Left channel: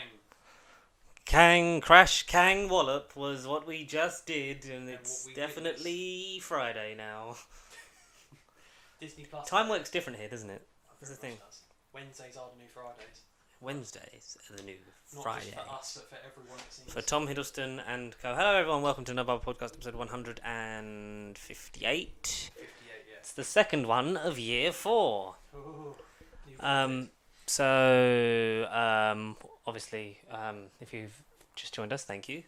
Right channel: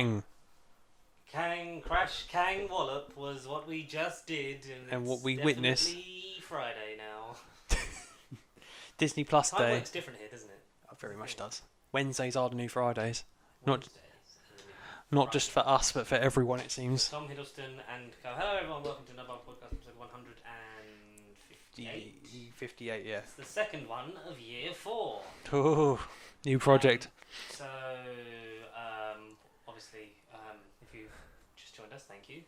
Kang. Kang crash, Kang wallop was what we just did, And it's what we definitely witnessed. Friday now. Disney Plus Time Day. works different here, doesn't it? Very That's the much thing. does. Wednesdays are the new Fridays. Wednesdays are the new Not just for us, but for everyone, it For seems. Tom Hiddleston and co. Hello everyone, welcome to another podcast, episode 158. 58, yes. It's the second one of year 4. Oh, new project. Obviously, if you've just joined us, thank you.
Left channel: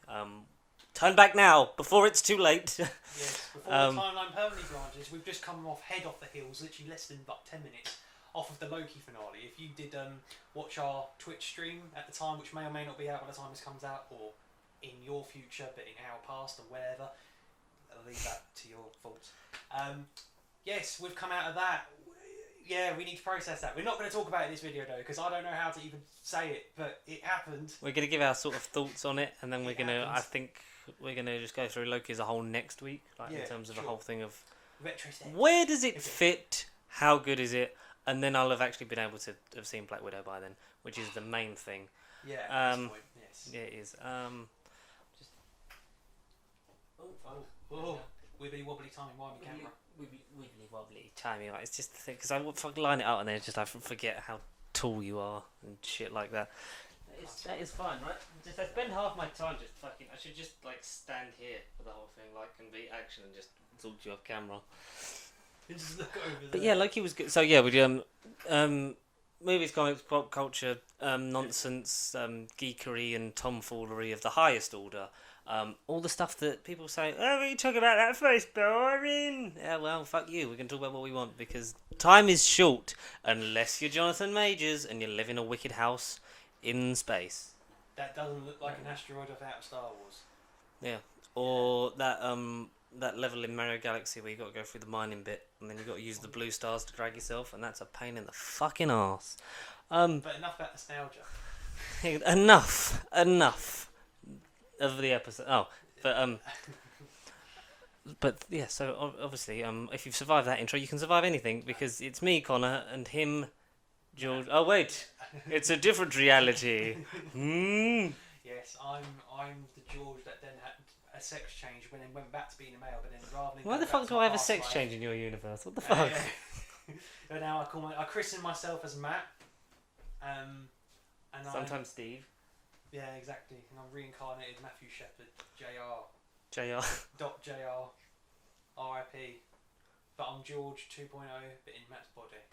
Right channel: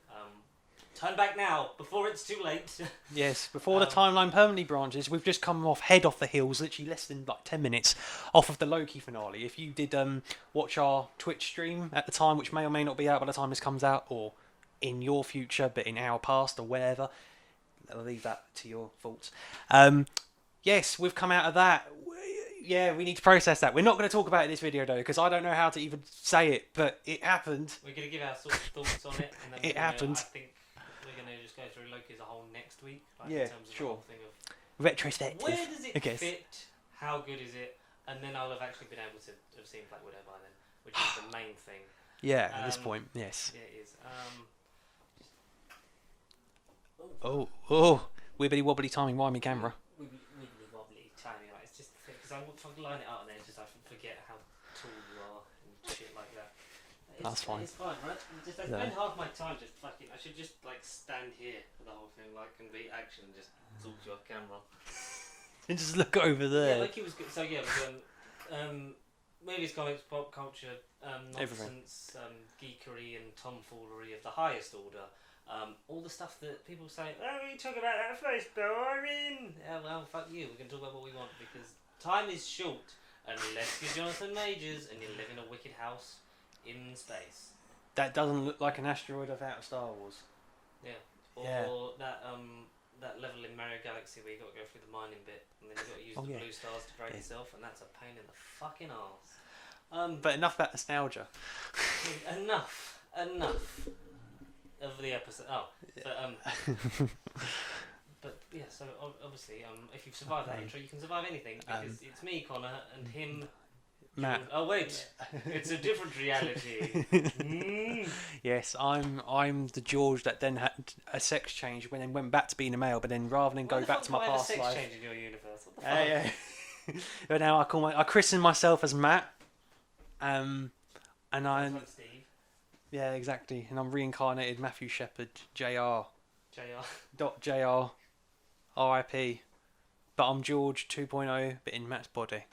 Turn back now, before it's too late. Yes, before the timeline permanently branches, we've just come head off the heels, literally less than 10 minutes off of the Loki finale. If you did watch our Twitch stream at the time, which may or may not be out by the time this comes out, or in your future, but in our past, or wherever, I'll leave that to your thoughts. Yes, we've come out of that. Yeah, we need to process that. We're not going to talk about it in this video, though, because I don't know how to even say it, but it happened. We're going to give our sort of thoughts on it, and then we're going to, happened. I think, we're going to just go through Loki as a whole next week, in terms of the whole thing of retrospective. Where does it fit? How good is it? And then I'll have actually been able to have seen Black Widow by then, which is the main thing. Yeah, at this point, yes. Yeah, it is. Oh, wibbly wobbly timing, why me camera? Wibbly wobbly timing. It's just the thing, because I would line it out and then I forget how tall you are and shit like that. That's fine. It's fine, right? I spend half my time just fucking. I should just stand here for the whole thing, and be action and just talk to you off camera. And just look over there. But yeah, Loki was good. So yeah, we movies, comics, pop culture, nonsense, geekery, and tomfoolery of the highest order. All the stuff that people say, oh, we talk about that first, boring. Yeah, well, fuck you. We can talk about what we want because time is short unless you're Jonathan Majors and you live in a wicked house in space. That doesn't look like an asteroid out of Star Wars. Yeah. Or that level in Mario Galaxy where you got to go through the mining bit and then you got to use the blue stars to drag yourself, and that's a pain in the fucking arse. But enough about nostalgia. enough of the episode. Oh, but yeah. So obviously, if you've survived that intro, you can survive anything because it's me, Connor, and him. George. Oh wait, it's a different reality. Yes, I'm the George that then had a sex change when then went back to being a male, but then rather than go back to my past life. Why the fuck do I have a sex change in your universe? What the fuck? But now I christen myself as Matt. And sometimes Steve. Yeah, exactly. And I'm reincarnated Matthew Shepard, Jr. Jr. R.I.P. But I'm George 2.0, but in Matt's body.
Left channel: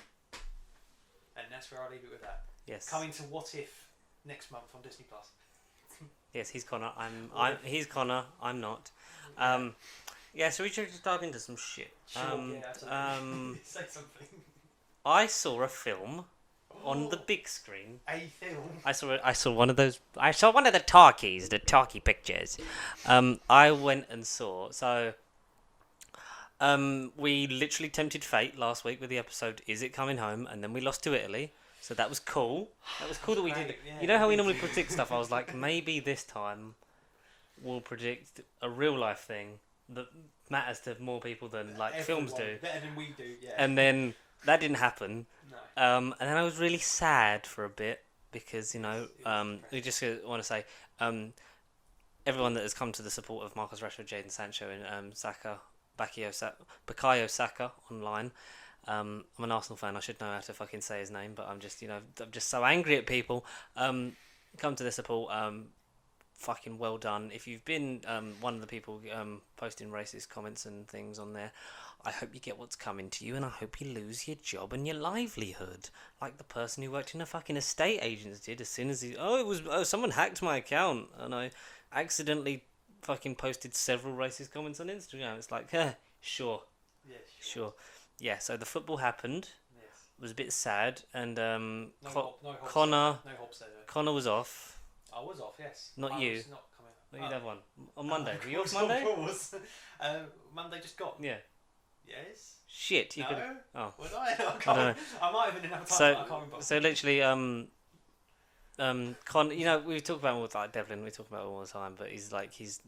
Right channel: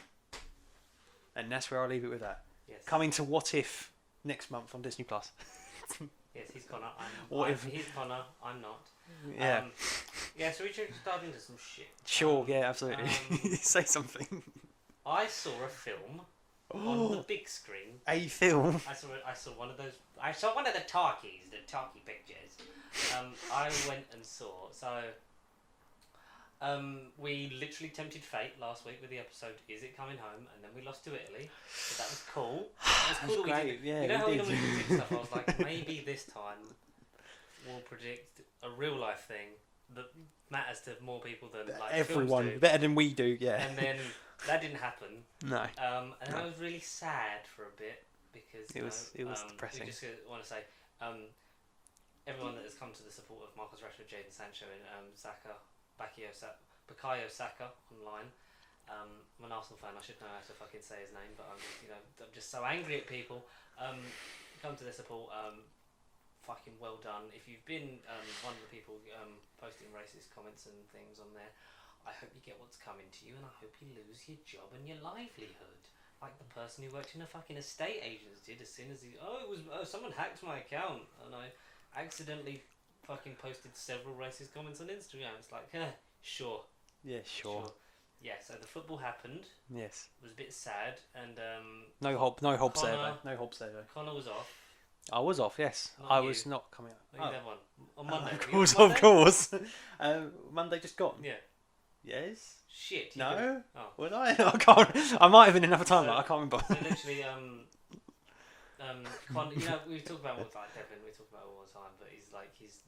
And that's where I'll leave it with that. Yes. Coming to What If next month on Disney Plus. Yes, he's Connor. He's Connor. I'm not. Yeah. So we should just dive into some shit. Sure. Yeah. Absolutely. Say something. I saw a film on the big screen. A film. I saw one of those. I saw one of the talkie pictures. I went and saw. So. We literally tempted fate last week with the episode "Is It Coming Home?" and then we lost to Italy, so that was cool. It was cool that we did. Yeah, you know how we normally predict stuff? I was like, maybe this time we'll predict a real life thing that matters to more people than everyone films do. Better than we do. Yeah. And then that didn't happen. No. And then I was really sad for a bit because it was we just want to say everyone that has come to the support of Marcus Rashford, Jadon Sancho, and Bukayo Saka online. I'm an Arsenal fan. I should know how to fucking say his name, but I'm just so angry at people. Come to the support. Fucking well done. If you've been one of the people posting racist comments and things on there, I hope you get what's coming to you, and I hope you lose your job and your livelihood, like the person who worked in a fucking estate agent did. As soon as someone hacked my account, and I accidentally fucking posted several racist comments on Instagram. It's like, sure. Yeah, sure. Yeah, so the football happened. Yes. It was a bit sad, and no Hobbs there. Connor was off. I was off, yes. Not I you. was not coming out. You have one on Monday. Of course. Monday just gone. Yeah. Yes. Shit. No. Oh. Would I? I can't. No. I might have been another time, but I can't remember. So literally, we talk about him with Devlin. We talk about him all the time, but he's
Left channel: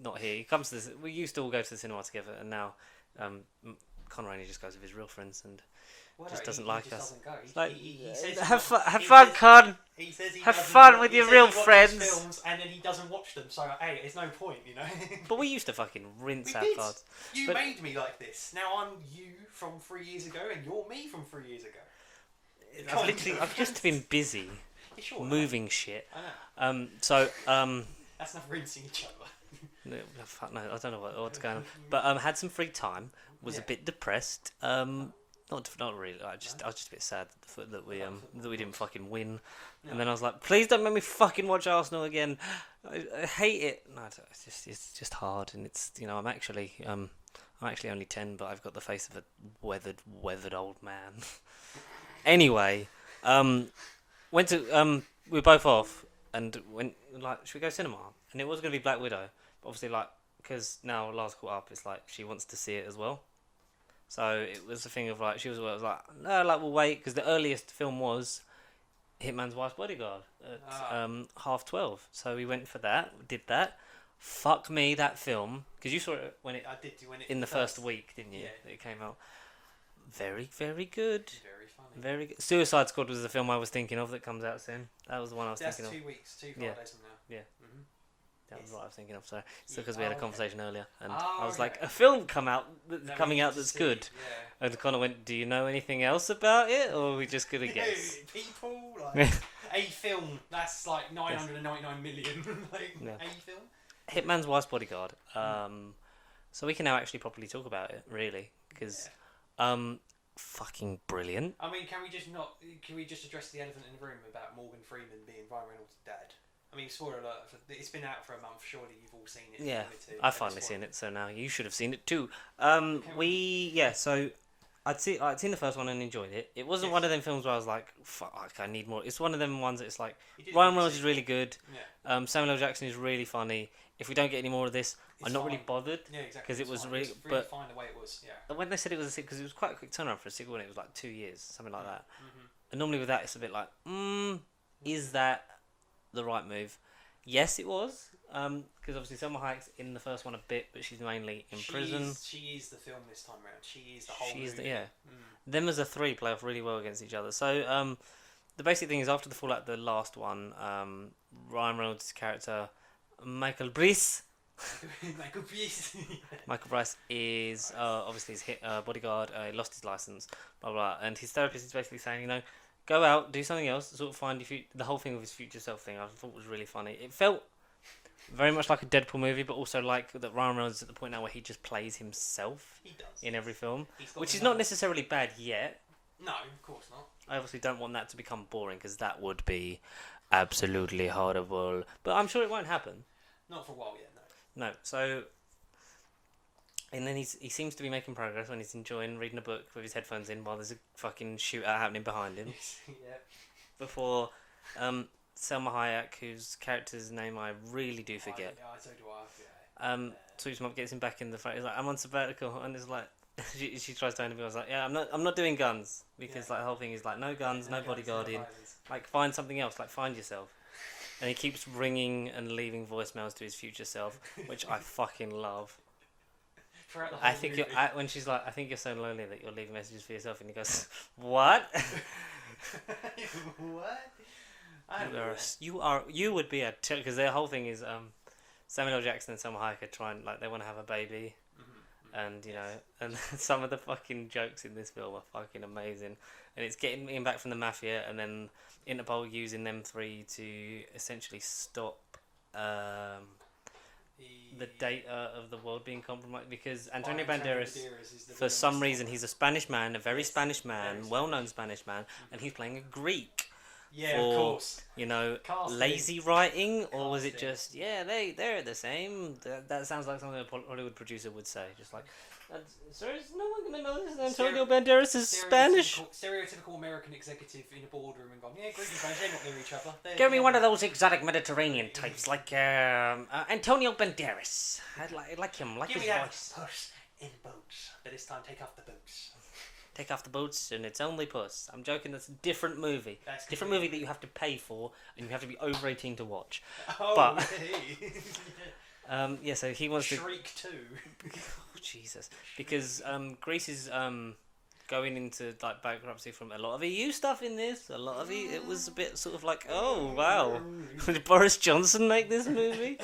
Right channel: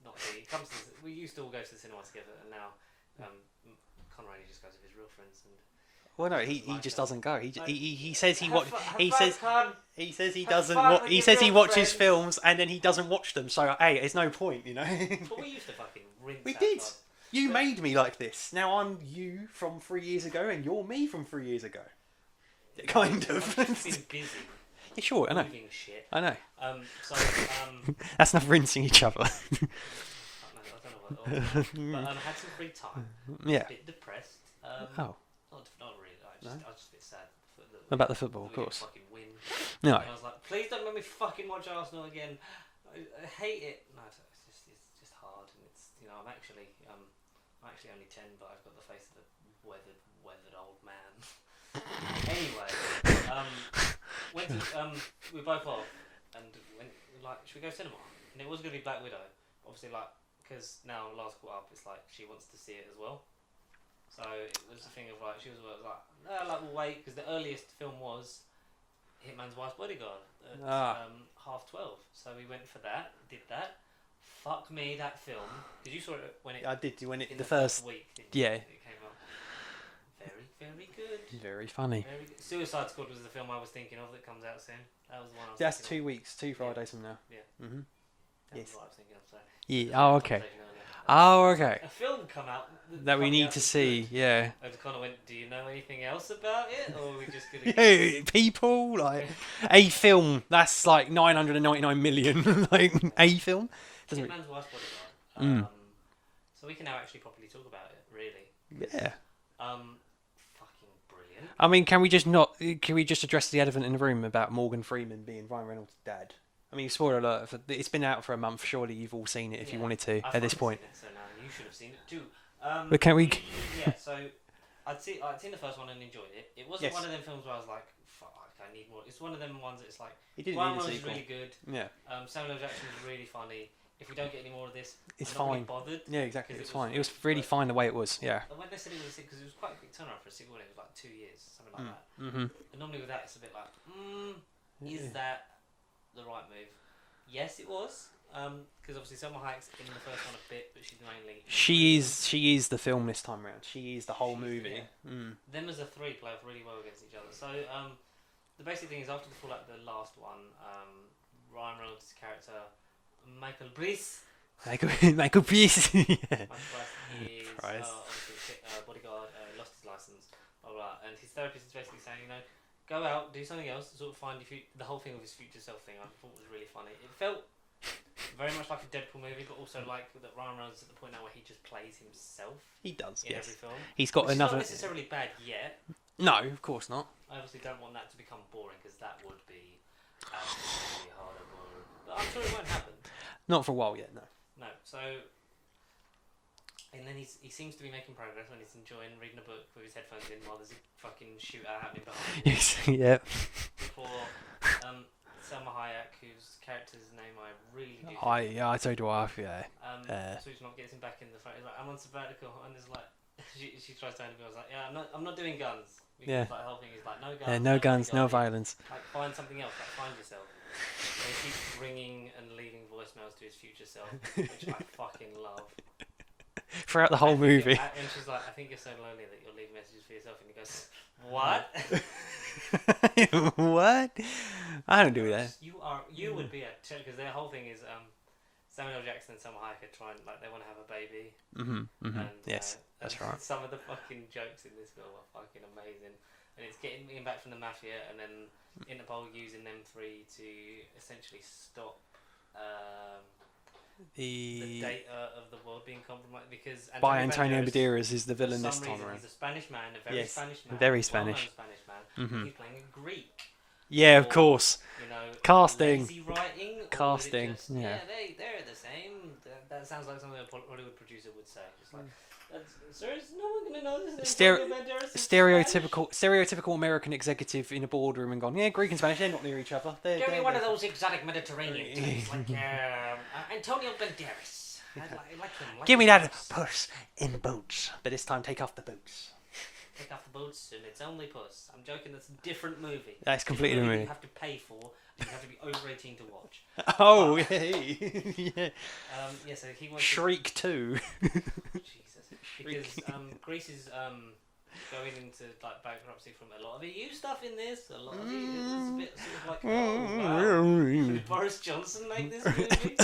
not here. He comes to we used to all go to the cinema together, and now Connor only just goes with his real friends, and Well, no, Just he doesn't like just us. doesn't go. Like, He says he have he fun, says Con. he says he Have doesn't. fun with He your says real he watches friends. films and then he doesn't watch them. So hey, there's no point, you know. But we used to fucking rinse We our did. cards. You But- made me like this. Now I'm you from 3 years ago, and you're me from 3 years ago. Kind of. I've just been busy Yeah, sure. I know. moving shit. I know. That's not rinsing each other. No, I don't know what's going on. But had some free time. Was Yeah. a bit depressed. Oh. Not really. I was just a bit sad that we, About the football, that we of didn't course. fucking win. No. And then I was like, please don't make me fucking watch Arsenal again. I hate it. No, it's just hard, and it's I'm actually only 10, but I've got the face of a weathered old man. Anyway, went to we were both off, and went like, should we go cinema? And it was gonna be Black Widow, but obviously because now Lars caught up, it's like she wants to see it as well. So it was a thing of like, she was like, no, like we'll wait, because the earliest film was Hitman's Wife's Bodyguard at 12:30. So we went for that, did that. Fuck me, that film, because you saw it when it I did. When it in the first week, didn't you? Yeah. It came out. Very, very good. Very funny. Very good. Suicide Squad was the film I was thinking of that comes out soon. That was the one I was That's thinking 2 weeks, 2 Fridays from now. Yeah. Mm-hmm. That was Yes. what I was thinking of. Sorry. Yeah. Because we had Oh, a okay. conversation earlier. and Oh, I was okay. like, a film come out That we coming need out to that's see. good. Yeah. And Connor went, "Do you know anything else about it, or are we just gonna Yeah, guess?" people like a film that's like 999 million. Like Yeah. a film. Doesn't it- Hitman's Wife's Bodyguard. So we can now actually properly talk about it, really. 'Cause, Yeah. fucking brilliant. I mean, can we just address the elephant in the room about Morgan Freeman being Ryan Reynolds' dad? I mean, spoiler alert, it's been out for a month. Surely you've all seen it if you wanted to I've at this finally point. seen it, so now you should have seen it too. But can Yeah, so I'd seen the first one and enjoyed it. It wasn't Yes. one of them films where I was like, fuck, I need more. It's one of them ones that it's like, He did Ryan really Reynolds is sequel. really good. Yeah, Samuel L. Jackson is really funny. If we don't get any more of this, It's I'm not really fine. bothered. yeah, exactly. 'Cause It's it was fine. really- It's really but- fine the way it was. Yeah. And when they said it was a sequel, because it was quite a quick turnaround for a sequel, and it was like 2 years, something like that. Mm-hmm. And normally with that, it's a bit like, is that the right move? Yes, it was. Because obviously Selma Hayek's in the first one a bit, but she's mainly in prison. She is the film this time round. She is the whole She's the- movie. yeah. Mm. Them as a three play off really well against each other. So the basic thing is after the fallout, the last one, Ryan Reynolds' character Michael Bryce. Michael Pearce. Michael Bryce is Bryce. obviously his bodyguard. He lost his license, blah blah. And his therapist is basically saying, go out, do something else, sort of find the whole thing with his future self thing. I thought was really funny. It felt very much like a Deadpool movie, but also like that Ryan Reynolds is at the point now where he just plays himself He does in yes. every film. He's got Which is another. not necessarily bad yet. No, of course not. I obviously don't want that to become boring because that would be absolutely horrible. But I'm sure it won't happen. Not for a while yet. No. No, so. And then he seems to be making progress when he's enjoying reading a book with his headphones in while there's a fucking shootout happening behind him. Yes. Yeah. Before Selma Hayek, whose character's name I really do forget. I told you off. Yeah. Sweeps him up, gets him back in the fight. He's like, I'm on sabbatical, and it's like, she tries to interview. I was like, yeah, I'm not doing guns because Yeah. like the whole thing is like no Yeah, guns, no guns, no bodyguarding. violence. Like find something else, like find yourself. And he keeps ringing and leaving voicemails to his future self, which I fucking love. Throughout the whole movie. When she's like, I think you're so lonely that you're leaving messages for yourself, and he goes, what? What? I don't do that. You would be because their whole thing is Samuel L. Jackson and Selma Hayek are trying, like, they want to have a baby, And and yes, and that's right. some of the fucking jokes in this film are fucking amazing, and it's getting him back from the mafia, and then Interpol using them three to essentially stop the data of the world being compromised because by Antonio Banderas is the for villain. some this time reason around. he's a Spanish man, a very Yes, Spanish man, very well-known Spanish. Spanish man, and he's playing a Greek. Yeah, of or, course. Casting. Lazy writing, or is it Casting, just they're the same? That sounds like something a Hollywood producer would say. Just like, sir, is no one gonna know this? Antonio Banderas is Spanish. Stereotypical American executive in a boardroom and gone, yeah, Greek and Spanish, they're not near each other. Give me one of those exotic Mediterranean types, like Antonio Banderas. I'd like him. Like Give me his that voice. puss in boots, but this time take off the boots. Take off the boots and it's only Puss. I'm joking, that's a different movie. That's Different completely movie new. that you have to pay for and you have to be over 18 to watch. Oh, But- yeah. Yeah, so he wants Shriek 2. to... Jesus. Because Greece's going into like bankruptcy from a lot of EU stuff in this. A lot of it was a bit sort of like, oh wow, did Boris Johnson make this movie?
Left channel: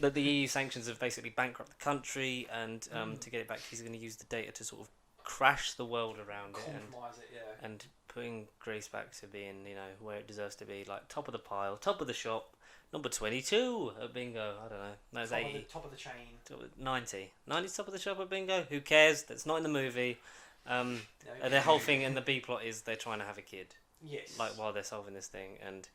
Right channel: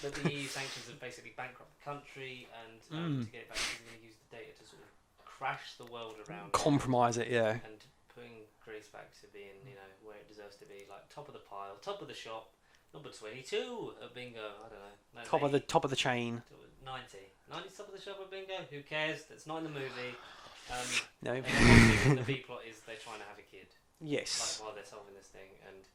That the EU sanctions have basically bankrupt the country, and to get it back, he's going to use the data to sort of crash the world around compromise it, yeah, and putting Greece back to being, you know, where it deserves to be, like top of the pile, top of the shop. Number 22 at bingo. I don't know. No, top of the chain. 90. 90's top of the shop at bingo. Who cares? That's not in the movie. No. And the whole thing in the B plot is they're trying to have a kid. Yes. Like while they're solving this thing, and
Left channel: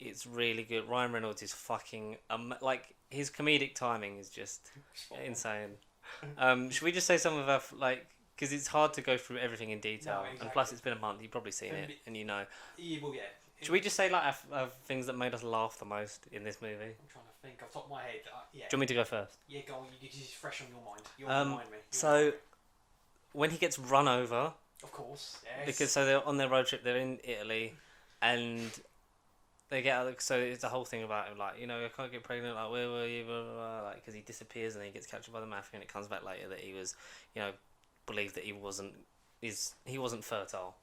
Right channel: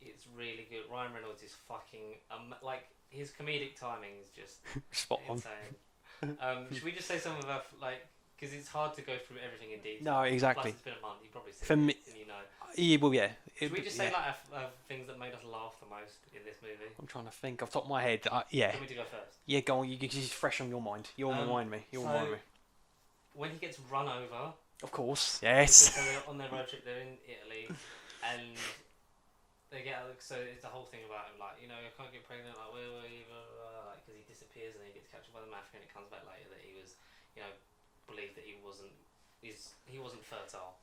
it's really good. Ryan Reynolds is fucking like his comedic timing is just spot insane. Should we just say some of our like? Because it's hard to go through everything in detail. No, exactly. Plus, it's been a month. You've probably seen it, and you know. Yeah, well, yeah. Should we just say like things that made us laugh the most in this movie? I'm trying to think off the top of my head. Yeah. Do you want me to go first? Yeah, go on. It's fresh on your mind. You'll remind me. When he gets run over, of course, yes. Because so they're on their road trip. They're in Italy, and they get out. So it's the whole thing about him, like, you know, I can't get pregnant. Like, where were you? Blah, blah, blah, like, because he disappears and then he gets captured by the mafia, and it comes back later that he was, you know, believed that he wasn't fertile.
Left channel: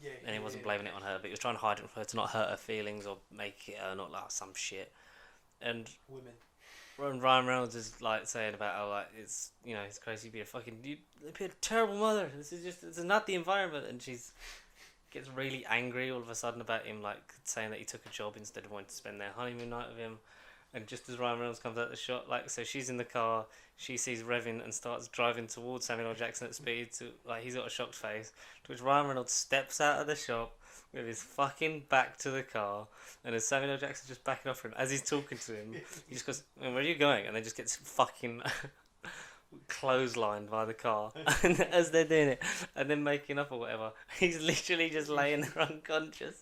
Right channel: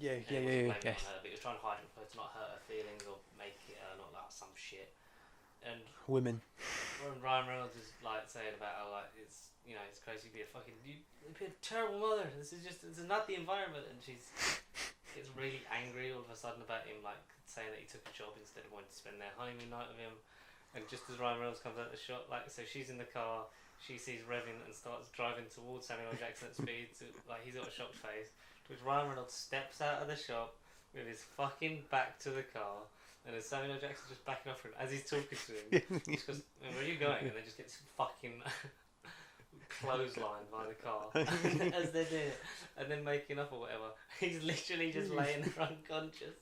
Yeah, and he wasn't blaming it on her, but he was trying to hide it from her to not hurt her feelings or make it not like some shit. And women. When Ryan Reynolds is like saying about how like it's, you know, it's crazy to be be a terrible mother. This is not the environment, and she's gets really angry all of a sudden about him like saying that he took a job instead of wanting to spend their honeymoon night with him. And just as Ryan Reynolds comes out the shot, like, so she's in the car, she sees Revin and starts driving towards Samuel L. Jackson at speed. To, like, he's got a shocked face. To which Ryan Reynolds steps out of the shop with his fucking back to the car, and as Samuel L. Jackson's just backing off him, as he's talking to him, he just goes, "Where are you going?" And then just gets fucking clotheslined by the car as they're doing it, and then making up or whatever. He's literally just laying there unconscious.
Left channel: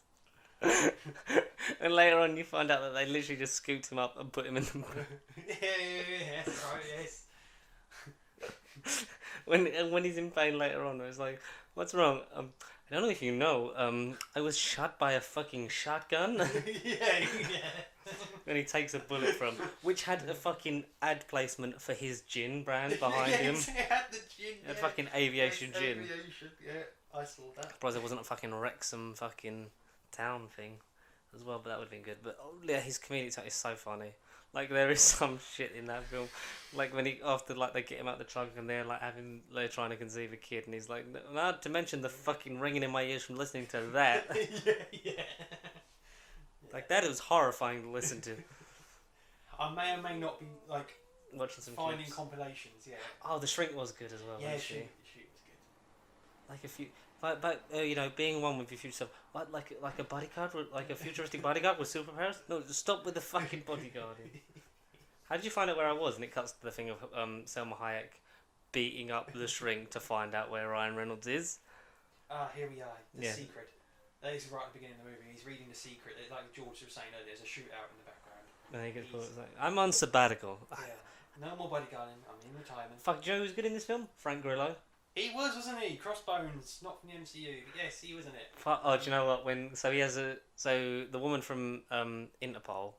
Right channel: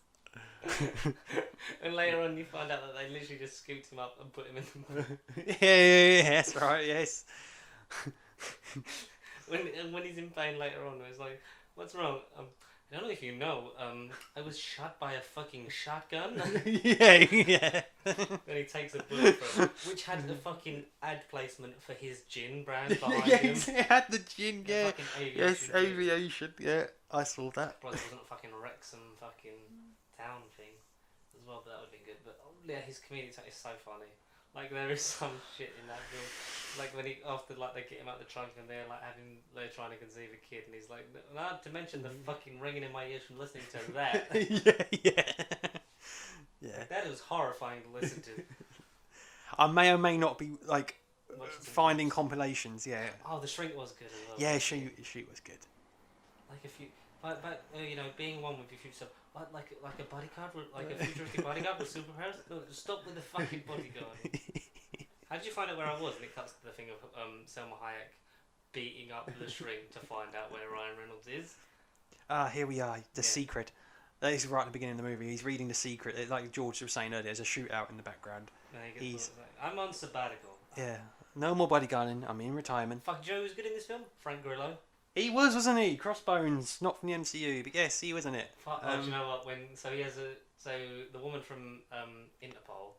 And later on you find out that they literally just scooped him up and put him in the yeah, that's right, yes. when he's in pain later on, it's like, what's wrong? I don't know if you know, I was shot by a fucking shotgun. yeah. And he takes a bullet from him, which had a fucking ad placement for his gin brand behind him. It had the gin, yeah. Fucking aviation yes, gin. aviation, yeah. I saw that. Surprised it wasn't a fucking Wrexham fucking town thing as well, but that would have been good. But yeah, his comedic type is so funny. Like, there is some shit in that film. Like, when he, after, like, they get him out the trunk and they're, like, they're trying to conceive a kid, and he's like, not to mention the fucking ringing in my ears from listening to that. yeah. Like, that was horrifying to listen to. I may or may not be, like, finding clips. Compilations, yeah. Oh, The Shrink was good as well. Yeah, she was good. Like, if you... But you know, being one with your future self, like a bodyguard, like a futuristic bodyguard with superpowers. No, just stop with the fucking bodyguard. How did you find out where I was? And it cuts to the thing of Selma Hayek beating up the Shrink to find out where Ryan Reynolds is. Here we are. The Secret. That is right at the beginning of the movie. He's reading The Secret. Like George was saying earlier, there's a shootout in the background. I'm on sabbatical. Yeah. No more bodyguarding. I'm in retirement. Fuck, Joe was good in this film. Frank Grillo. He was, wasn't he? Crossbones, not from the MCU, but yes, he was in it. Do you know what? He has the woman from Interpol,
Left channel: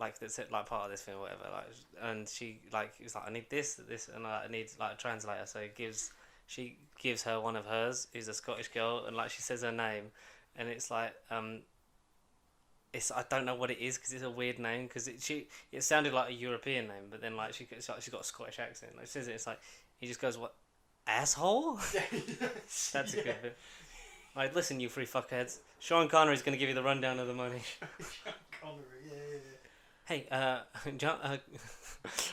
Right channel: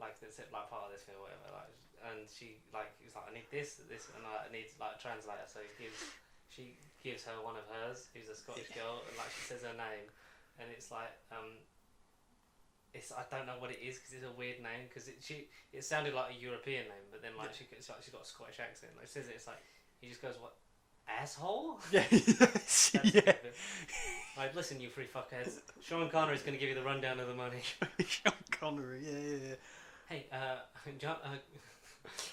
like that's it, like part of this film, or whatever. Like, and she is like, I need this, and I need like a translator. So she gives her one of hers, who's a Scottish girl, and like she says her name, and it's like I don't know what it is because it's a weird name because it sounded like a European name, but then like she's got a Scottish accent. Like she says it, it's like he just goes, what? Asshole? Yeah. That's a good bit. Like, listen, you three fuckheads. Sean Connery's going to give you the rundown of the money. Sean Connery, yeah. Hey, John,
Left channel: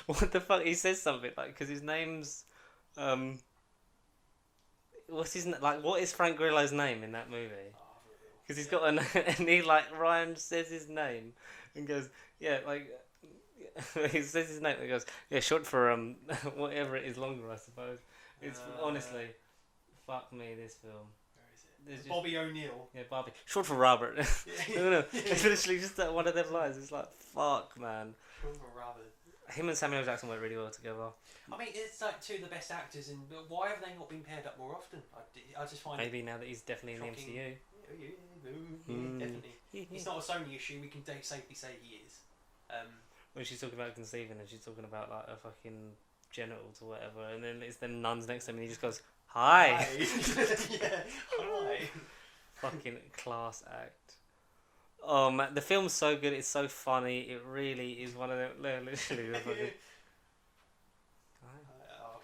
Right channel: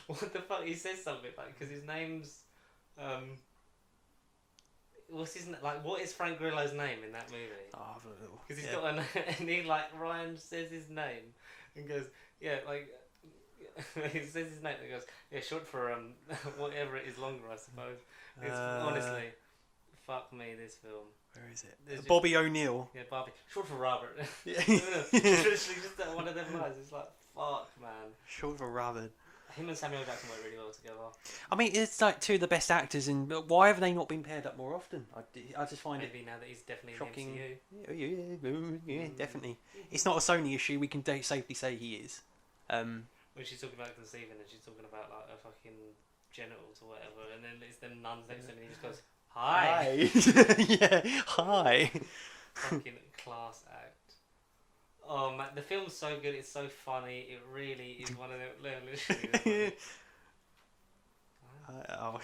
what the fuck? He says something, like, because his name's, what's his name? Like, what is Frank Grillo's name in that movie? Because he's got and he, like, Ryan says his name and goes, yeah, like, he says his name and goes, yeah, short for, whatever it is longer, I suppose. It's honestly, fuck me, this film. Where is it? Bobby O'Neill. Yeah, Bobby. Short for Robert. No. It's literally just one of them lines. It's like, fuck, man. Short for Robert. Him and Samuel Jackson work really well together. I mean, it's like two of the best actors, but why have they not been paired up more often? I just find maybe now that he's definitely shocking. In the MCU. Yeah, definitely. It's not a Sony issue. We can safely say he is. When she's talking about conceiving and she's talking about like a fucking genitals or whatever, and then it's the nuns next to him and he just goes, Hi. Yeah, hi. Fucking class act. Oh man, the film's so good. It's so funny. It really is one of the literally. The fucking... Oh.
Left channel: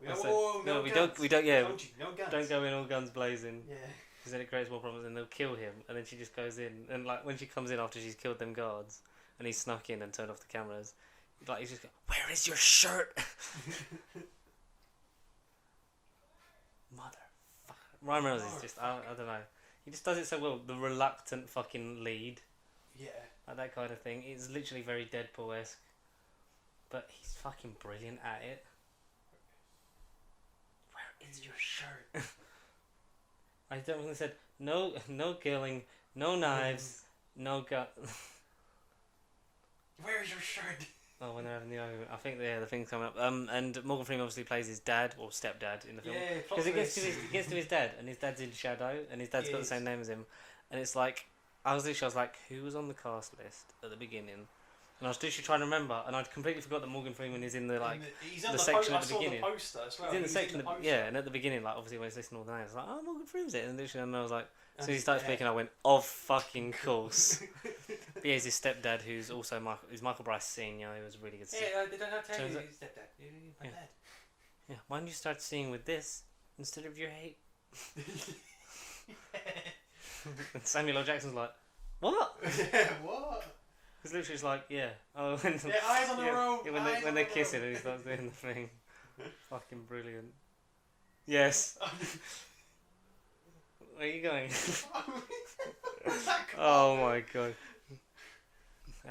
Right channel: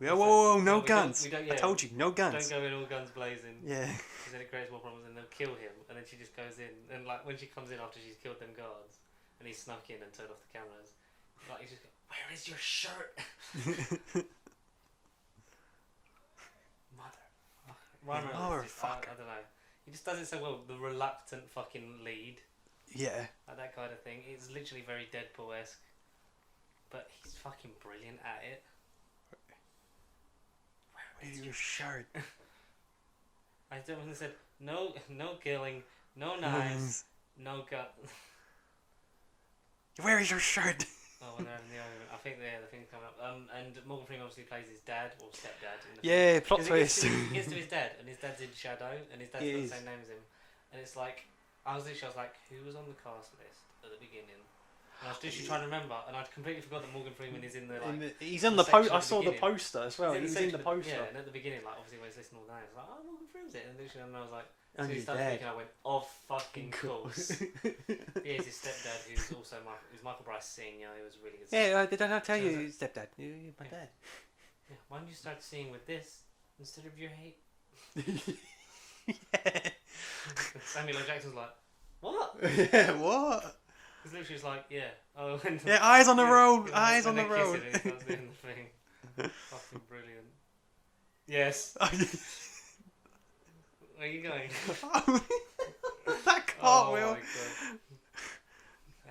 Whoa, no guns. We don't. Yeah, I told you, no guns. don't go in all guns blazing. Yeah. Because then it creates more problems, and they'll kill him. And then she just goes in, and like when she comes in after she's killed them guards, and he's snuck in and turned off the cameras, like he's just go, "Where is your shirt?" Ryan Reynolds is just, I don't know. He just does it so well. The reluctant fucking lead. Yeah. Like that kind of thing. It's literally very Deadpool-esque. But he's fucking brilliant at it. Where is your shirt? I definitely said, no killing, no knives, no gun. Where is your shirt? Oh, when they're having the argument. I think the thing's coming up. And Morgan Freeman obviously plays his dad or stepdad in the film. Yeah, plot twist. He gets to his dad, and his dad's in shadow, and his dad's got the same name as him. And it's like, I was like, who was on the cast list at the beginning? And I was literally trying to remember, and I'd completely forgot that Morgan Freeman is in the he's on the the poster. section I at the saw the beginning. poster as well. He's in the poster. Yeah, and at the beginning, like obviously when he's listening all the names, like, oh, Morgan Freeman's it, and literally, and I was like, so And he he's started dead. speaking, I went, of fucking course. But yeah, he's his stepdad, who's also Michael Bryce Senior, who was really good. Yeah, did I not tell So you is it- his stepdad? My Yeah. dad. Yeah, why don't you start seeing with this instead of your hate? Yeah. And Samuel L. Jackson's like, what? Yeah, what? He's literally just like, yeah. Oh, when Yeah, eyes on the road. when Eyes they, on the when they're road. kissing and he starts doing the thing. Fucking brilliant. Yes. Where are you going? That Oh cartwheel. my god.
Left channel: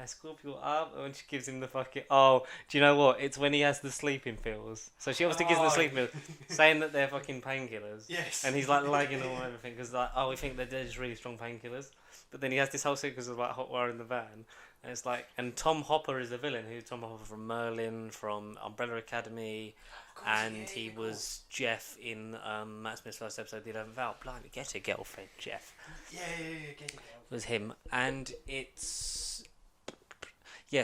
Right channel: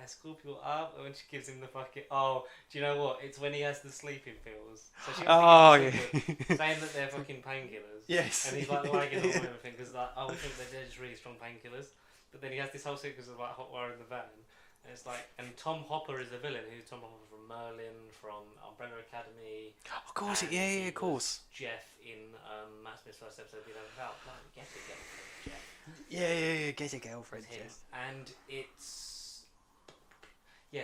I scoop you up when she gives him the fucking... Oh, do you know what? It's when he has the sleeping pills. So she wants to give him the sleeping pills, saying that they're fucking painkillers. Yes. And he's like lagging on everything because like, oh, we think that they're just really strong painkillers. But then he has this whole sequence of like hot wire in the van. And it's like... And Tom Hopper is the villain. Who's Tom Hopper from Merlin, from Umbrella Academy. Of course, And yeah, he of course. was Jeff in Matt Smith's first episode, The 11th Hour. Blimey, get a girlfriend, Jeff. Yeah, get a girlfriend. Was him, and it's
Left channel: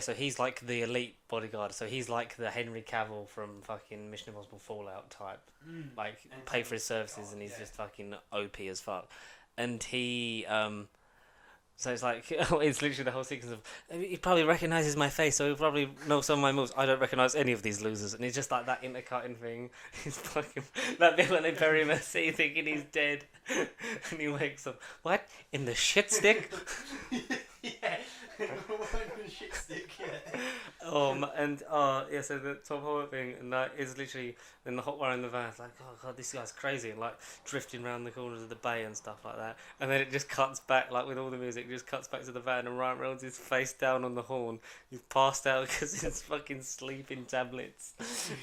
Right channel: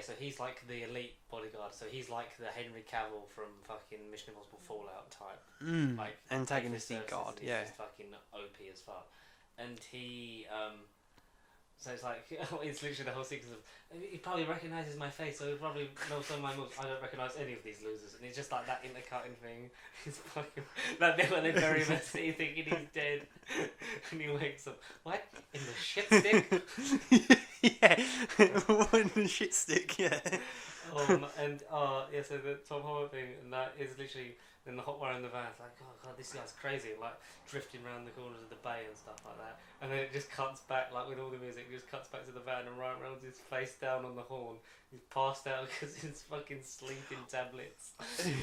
so he's like the elite bodyguard. So he's like the Henry Cavill from fucking Mission Impossible Fallout type, like And paid for his taking services, guard, and he's yeah. just fucking OP as fuck. And he so it's like it's literally the whole sequence of he probably recognizes my face, so he'll probably know some of my moves. I don't recognize any of these losers, and he's just like that intercutting thing. He's fucking that villain in Very Messy, thinking he's dead, and he wakes up. What in the shit stick? Yeah. One shit stick, yeah. Yeah, so the Tom Holland thing, and that is literally then the hot wire in the van. It's like, oh god, this guy's crazy, and like drifting around the corners of the bay and stuff like that. And then it just cuts back, like with all the music, it just cuts back to the van, and Ryan Reynolds is face down on the horn. He's passed out because he's fucking sleeping tablets,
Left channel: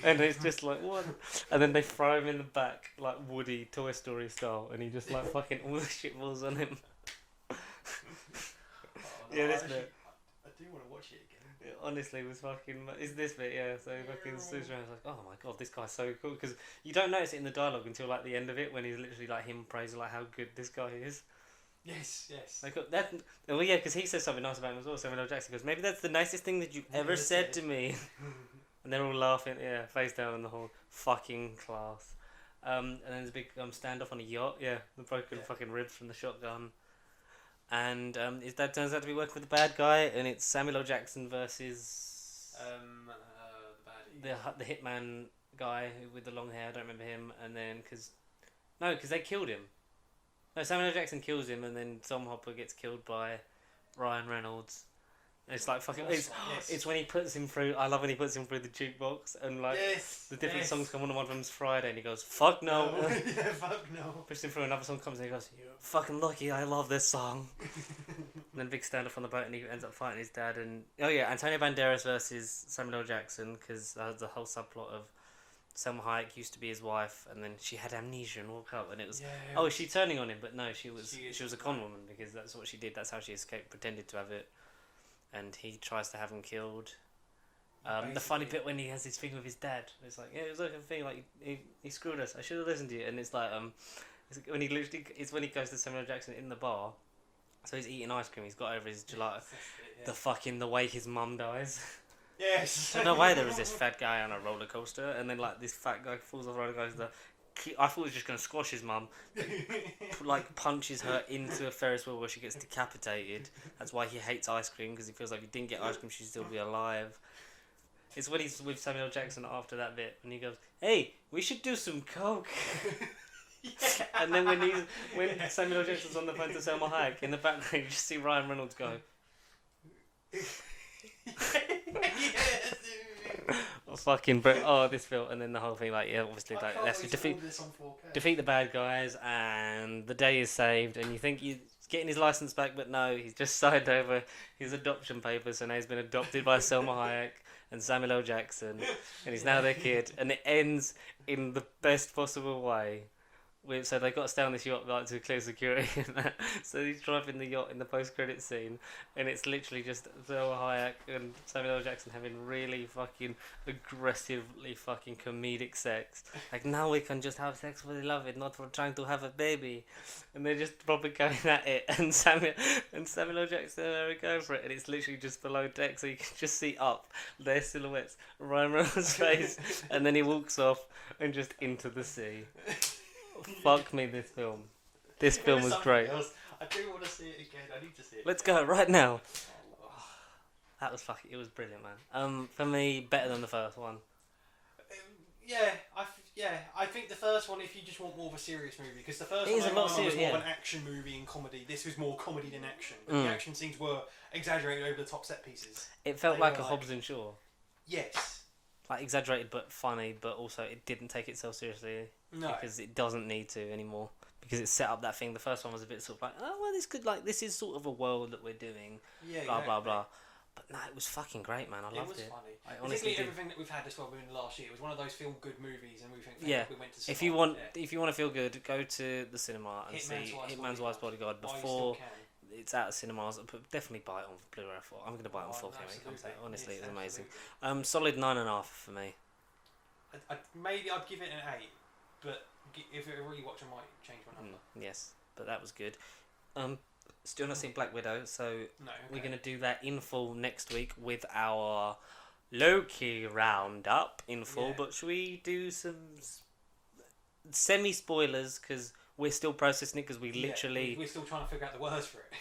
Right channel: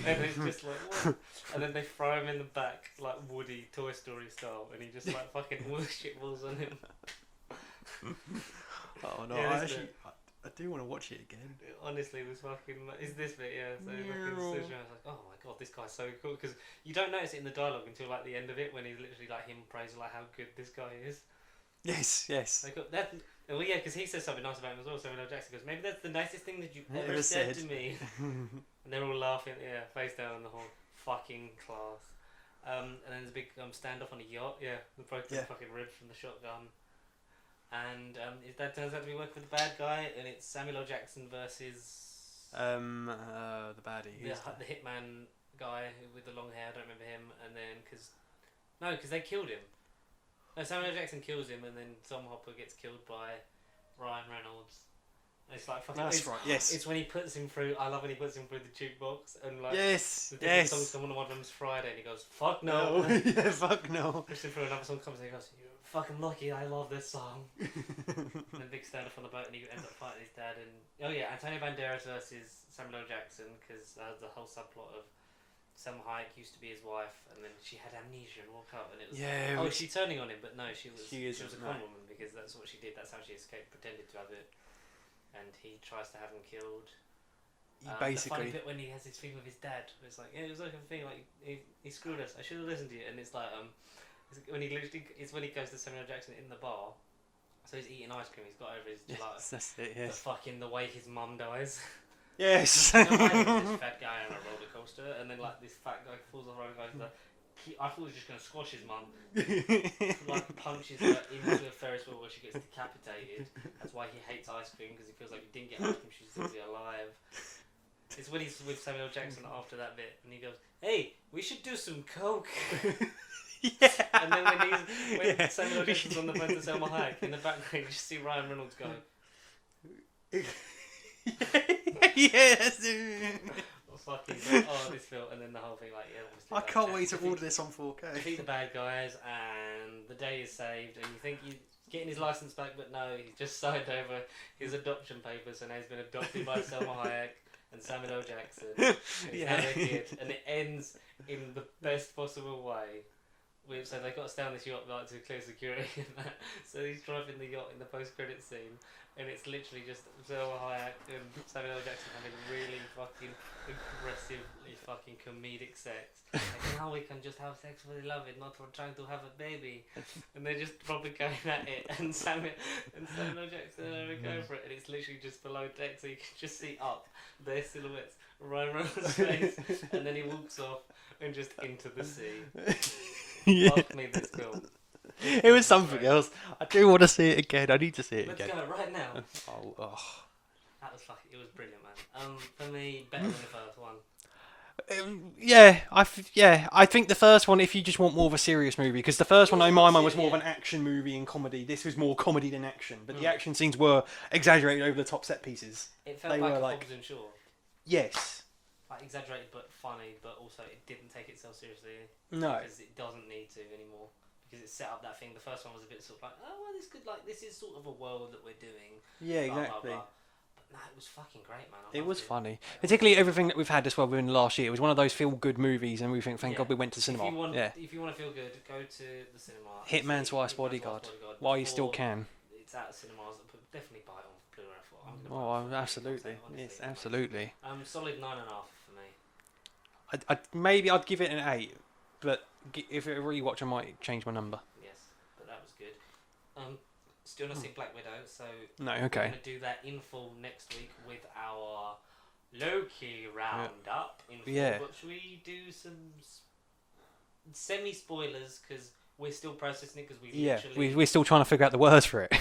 and it's just like what? And then they throw him in the back like Woody Toy Story style, and he just like fucking all the shit falls on him. Oh no, Yeah, I do want to watch it again. Honestly, this fucking is this bit, yeah. So he fucking Yeah. switches around. I was like, oh my god, this guy's so cool because you don't notice it in the dialogue until like the end of it when he's literally like him praising like how good this guy is. Yes. Like that, well, yeah, because he says something nice about him as well. Samuel L. Jackson goes, maybe that's the nicest thing that you've ever said to me. And they're all laughing, yeah, face down on the whole fucking class. And then there's a big standoff on a yacht, yeah, the broken fucking ribs from the shotgun. And his dad turns out to be working with the bad guy, and it's Samuel L. Jackson versus the baddie. the hitman guy with the long hair. I don't remember him. And then because they killed him. No, Samuel L. Jackson kills him, and then Tom Hopper gets killed by Ryan Reynolds. And it's like fucking. That's right. Yes. It's when he puts him through. I love when he puts him through the jukebox, and like Yes. the different songs come on. One of them's Friday, and he goes, "Fuck no." Yeah, fuck no. Pushes him through, another song comes, and he goes, "You're fucking lucky. I love this song." And then big stand up on the boat, and he ends up fighting his dad. And Antonio Banderas versus Samuel L. Jackson, because the whole subplot of Selma Hayek used to be his wife, and then she had amnesia and woke up, and it was is she turning on him? But no, she was a con woman, because that's what she did. That's how she escaped, pretended to have it, and he tries to have him killed. The funny bit when he has his thing with his dad, it's like it was like a thing like he screwed us. I should have listened to you, and it's like when he goes to Samuel L. Jackson in the bar. So he's eating ice cream. He's got over his gelato. That's it. Yeah. The way his mum dies. Yes. No, there was this fat guy on a roller coaster, and then like this fat guy falls off the roller coaster. I thought he was just gonna squash his mum, like punches her into a Ferris wheel where she gets decapitated. That's why he hates ice cream, because he feels like if he didn't get ice cream, she'd still be alive. It's when he's with Samuel Jackson after that bit, and he goes, "Hey, we should do some coke." Yeah. And then when Samuel Jackson's on the phone to Selma Hayek, in the background you just see Ryan Reynolds go. Yes. Fucking this film, and then the whole thing, like, yeah, obviously, I like, can't wait to order this on 4K. defeat the bad guys, and the day is saved, and you think you're getting his license back, but no, he's just signed over his adoption papers, so now he's been adopted by Selma Hayek and Samuel L. Jackson, and he's now their kid, and it ends in the best possible way. So they got to stay on this yacht like to clear security, so he's driving the yacht in the post-credit scene, and it's literally just Selma Hayek and Samuel L. Jackson having really fucking aggressively fucking comedic sex. Like, now we can just have sex for the love of it, not for trying to have a baby. And they're just probably going at it, and Samuel L. Jackson are going for it, and it's literally just below deck, so you can just see up their silhouettes, Ryan Reynolds' face, and then he walks off and just into the sea. Yeah. Fuck me, this film. It was something great. Else. I do want to see it again. I need to see it Let's again. go right now. Oh. That was fucking. It was brilliant, man. For me, better than the first one. I think the first one, if you just want more of a serious movie, because the first one, in my mind, was more of an action movie and comedy. This was more comedy than action, but the action scenes were exaggerated over the top set pieces. It felt like a Hobbs and Shaw. Yes. Like exaggerated but funny, but also it didn't take itself seriously. No. Because it doesn't need to anymore. Because it set up that thing. The first one was a bit sort of like, oh, well, this is sort of a world that we're doing. Yeah, blah, exactly. Blah, blah. But no, it was fucking great, man. It was funny. Like, particularly everything that we've had as well within the last year. It was one of those feel-good movies, and we think, thank God we went to cinema. If you want to feel good, go to the cinema. Hitman's Wife's Bodyguard. While you still can. It's out of cinemas. Definitely buy it on Blu-ray. I'm going to buy it. Absolutely. Honestly, yes, absolutely. Solid 9.5 for me. Maybe I'd give it an 8, but if it rewatch, I might change my number. Yes, but that was good. Still not seen Black Widow, so no, okay. We're going to do that in full next week with our Loki roundup in full. Yeah. But should we do some semi-spoilers, because we're still processing it, because we're still trying to figure out the words for it.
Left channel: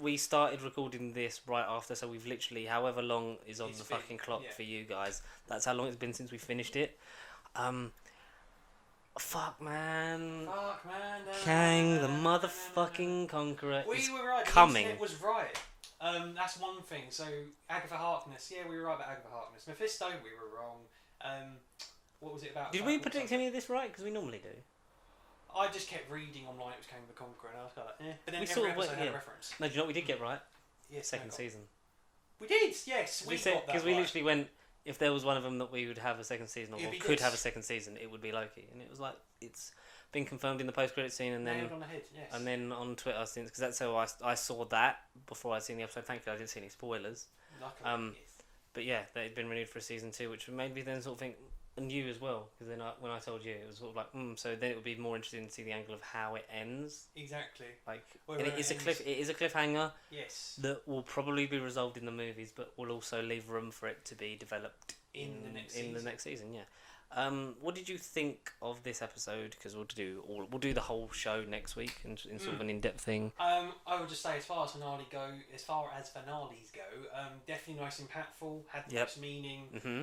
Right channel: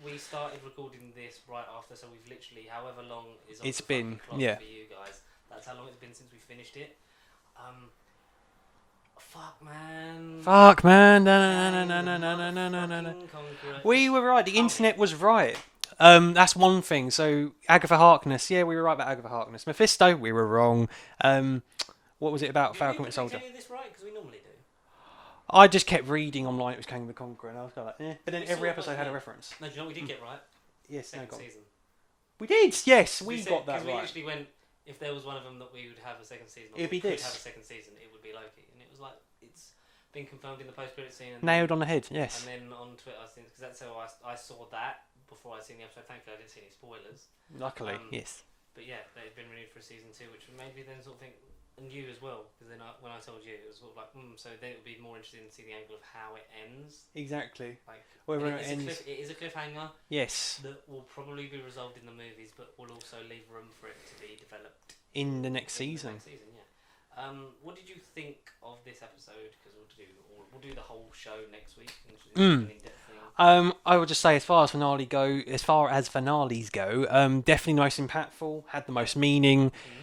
We started recording this right after, so we've literally, however long is on the fucking clock for you guys, that's how long it's been since we finished it. Fuck man. We were right. The internet was right. That's one thing. So Agatha Harkness. Yeah, we were right about Agatha Harkness. Mephisto. We were wrong. What was it about Falcon and Soldier? Did we predict this right? Because we normally do. I just kept reading online. It was Kang the Conqueror, and I was kind of like, eh. But then every episode had a reference. No, do you know what we did get right? Yes, second season. We did. Yes, we got that right. Because we literally went. If there was one of them that we would have a second season, or could have a second season, it would be Loki. And it was like, it's been confirmed in the post-credit scene. And nailed on the head, yes. And then on Twitter since, because that's how I saw that before I'd seen the episode. Thankfully, I didn't see any spoilers. Luckily, yes. But yeah, they had been renewed for a season 2, which made me then sort of think, and you as well, because then when I told you, it was sort of like, so then it would be more interesting to see the angle of how it ends. Exactly. Like, it is a cliffhanger. Yes. That will probably be resolved in the movies, but will also leave room for it to be developed in the next season. Yeah. What did you think of this episode? Because we'll do the whole show next week in sort of an in-depth thing. I would just say, as far as finales go, definitely the most impactful, had the most meaning. Mm-hmm.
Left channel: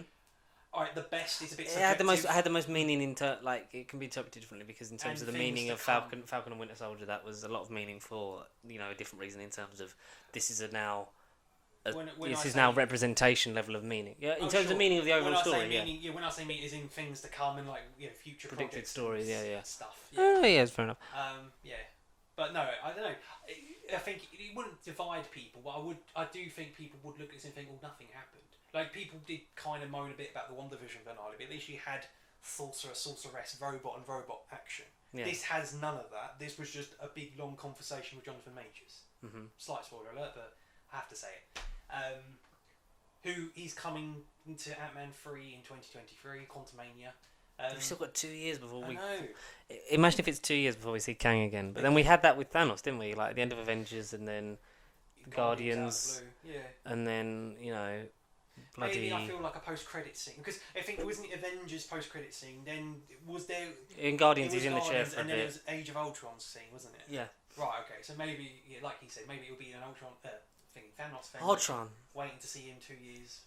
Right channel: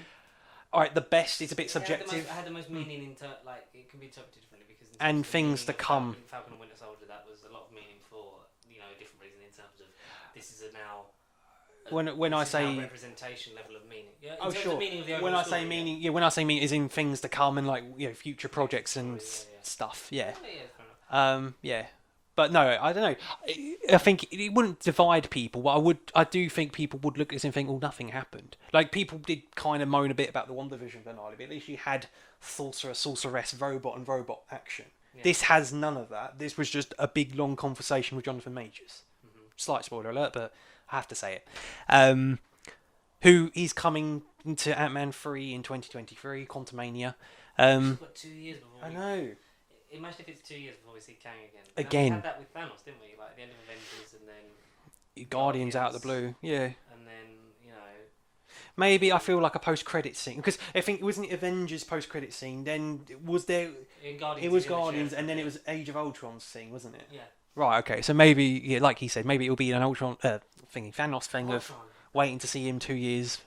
All right, the best is a bit subjective. Had the most meaning it can be interpreted differently, because in terms of the things meaning to of come. Falcon and Winter Soldier, that was a lot of meaning for a different reason in terms of this is now representation level of meaning. Yeah, in terms of meaning of the overall story. When I say meaning, is in things to come and future projects and stuff. Yeah. Oh, yeah, fair enough. Yeah. But no, I don't know. I think it wouldn't divide people, but I do think people would look at this and think, nothing happened. Like, people did kind of moan a bit about the WandaVision finale, but at least you had sorcerer, sorceress, robot and robot action. Yeah. This has none of that. This was just a big, long conversation with Jonathan Majors. Mm-hmm. Slight spoiler alert, but I have to say it. Who is coming to Ant-Man 3 in 2023, Quantumania. We've still got 2 years before I know. Imagine if it's 2 years before we see Kang again. But then we had that with Thanos, didn't we? Like at the end of Avengers, and then Guardians out of the blue. Yeah. And then Maybe I feel like a post-credit scene because I think it wasn't Avengers post-credit scene. Then was there? In Guardians, It was he's in the chair Guardians, for a and then bit. it was Age of Ultron scene, wasn't it? Yeah. Right. Okay. So maybe, yeah, like he said, maybe it'll be an Ultron thingy, Thanos thing. Of Ultron. waiting to see him 2 years.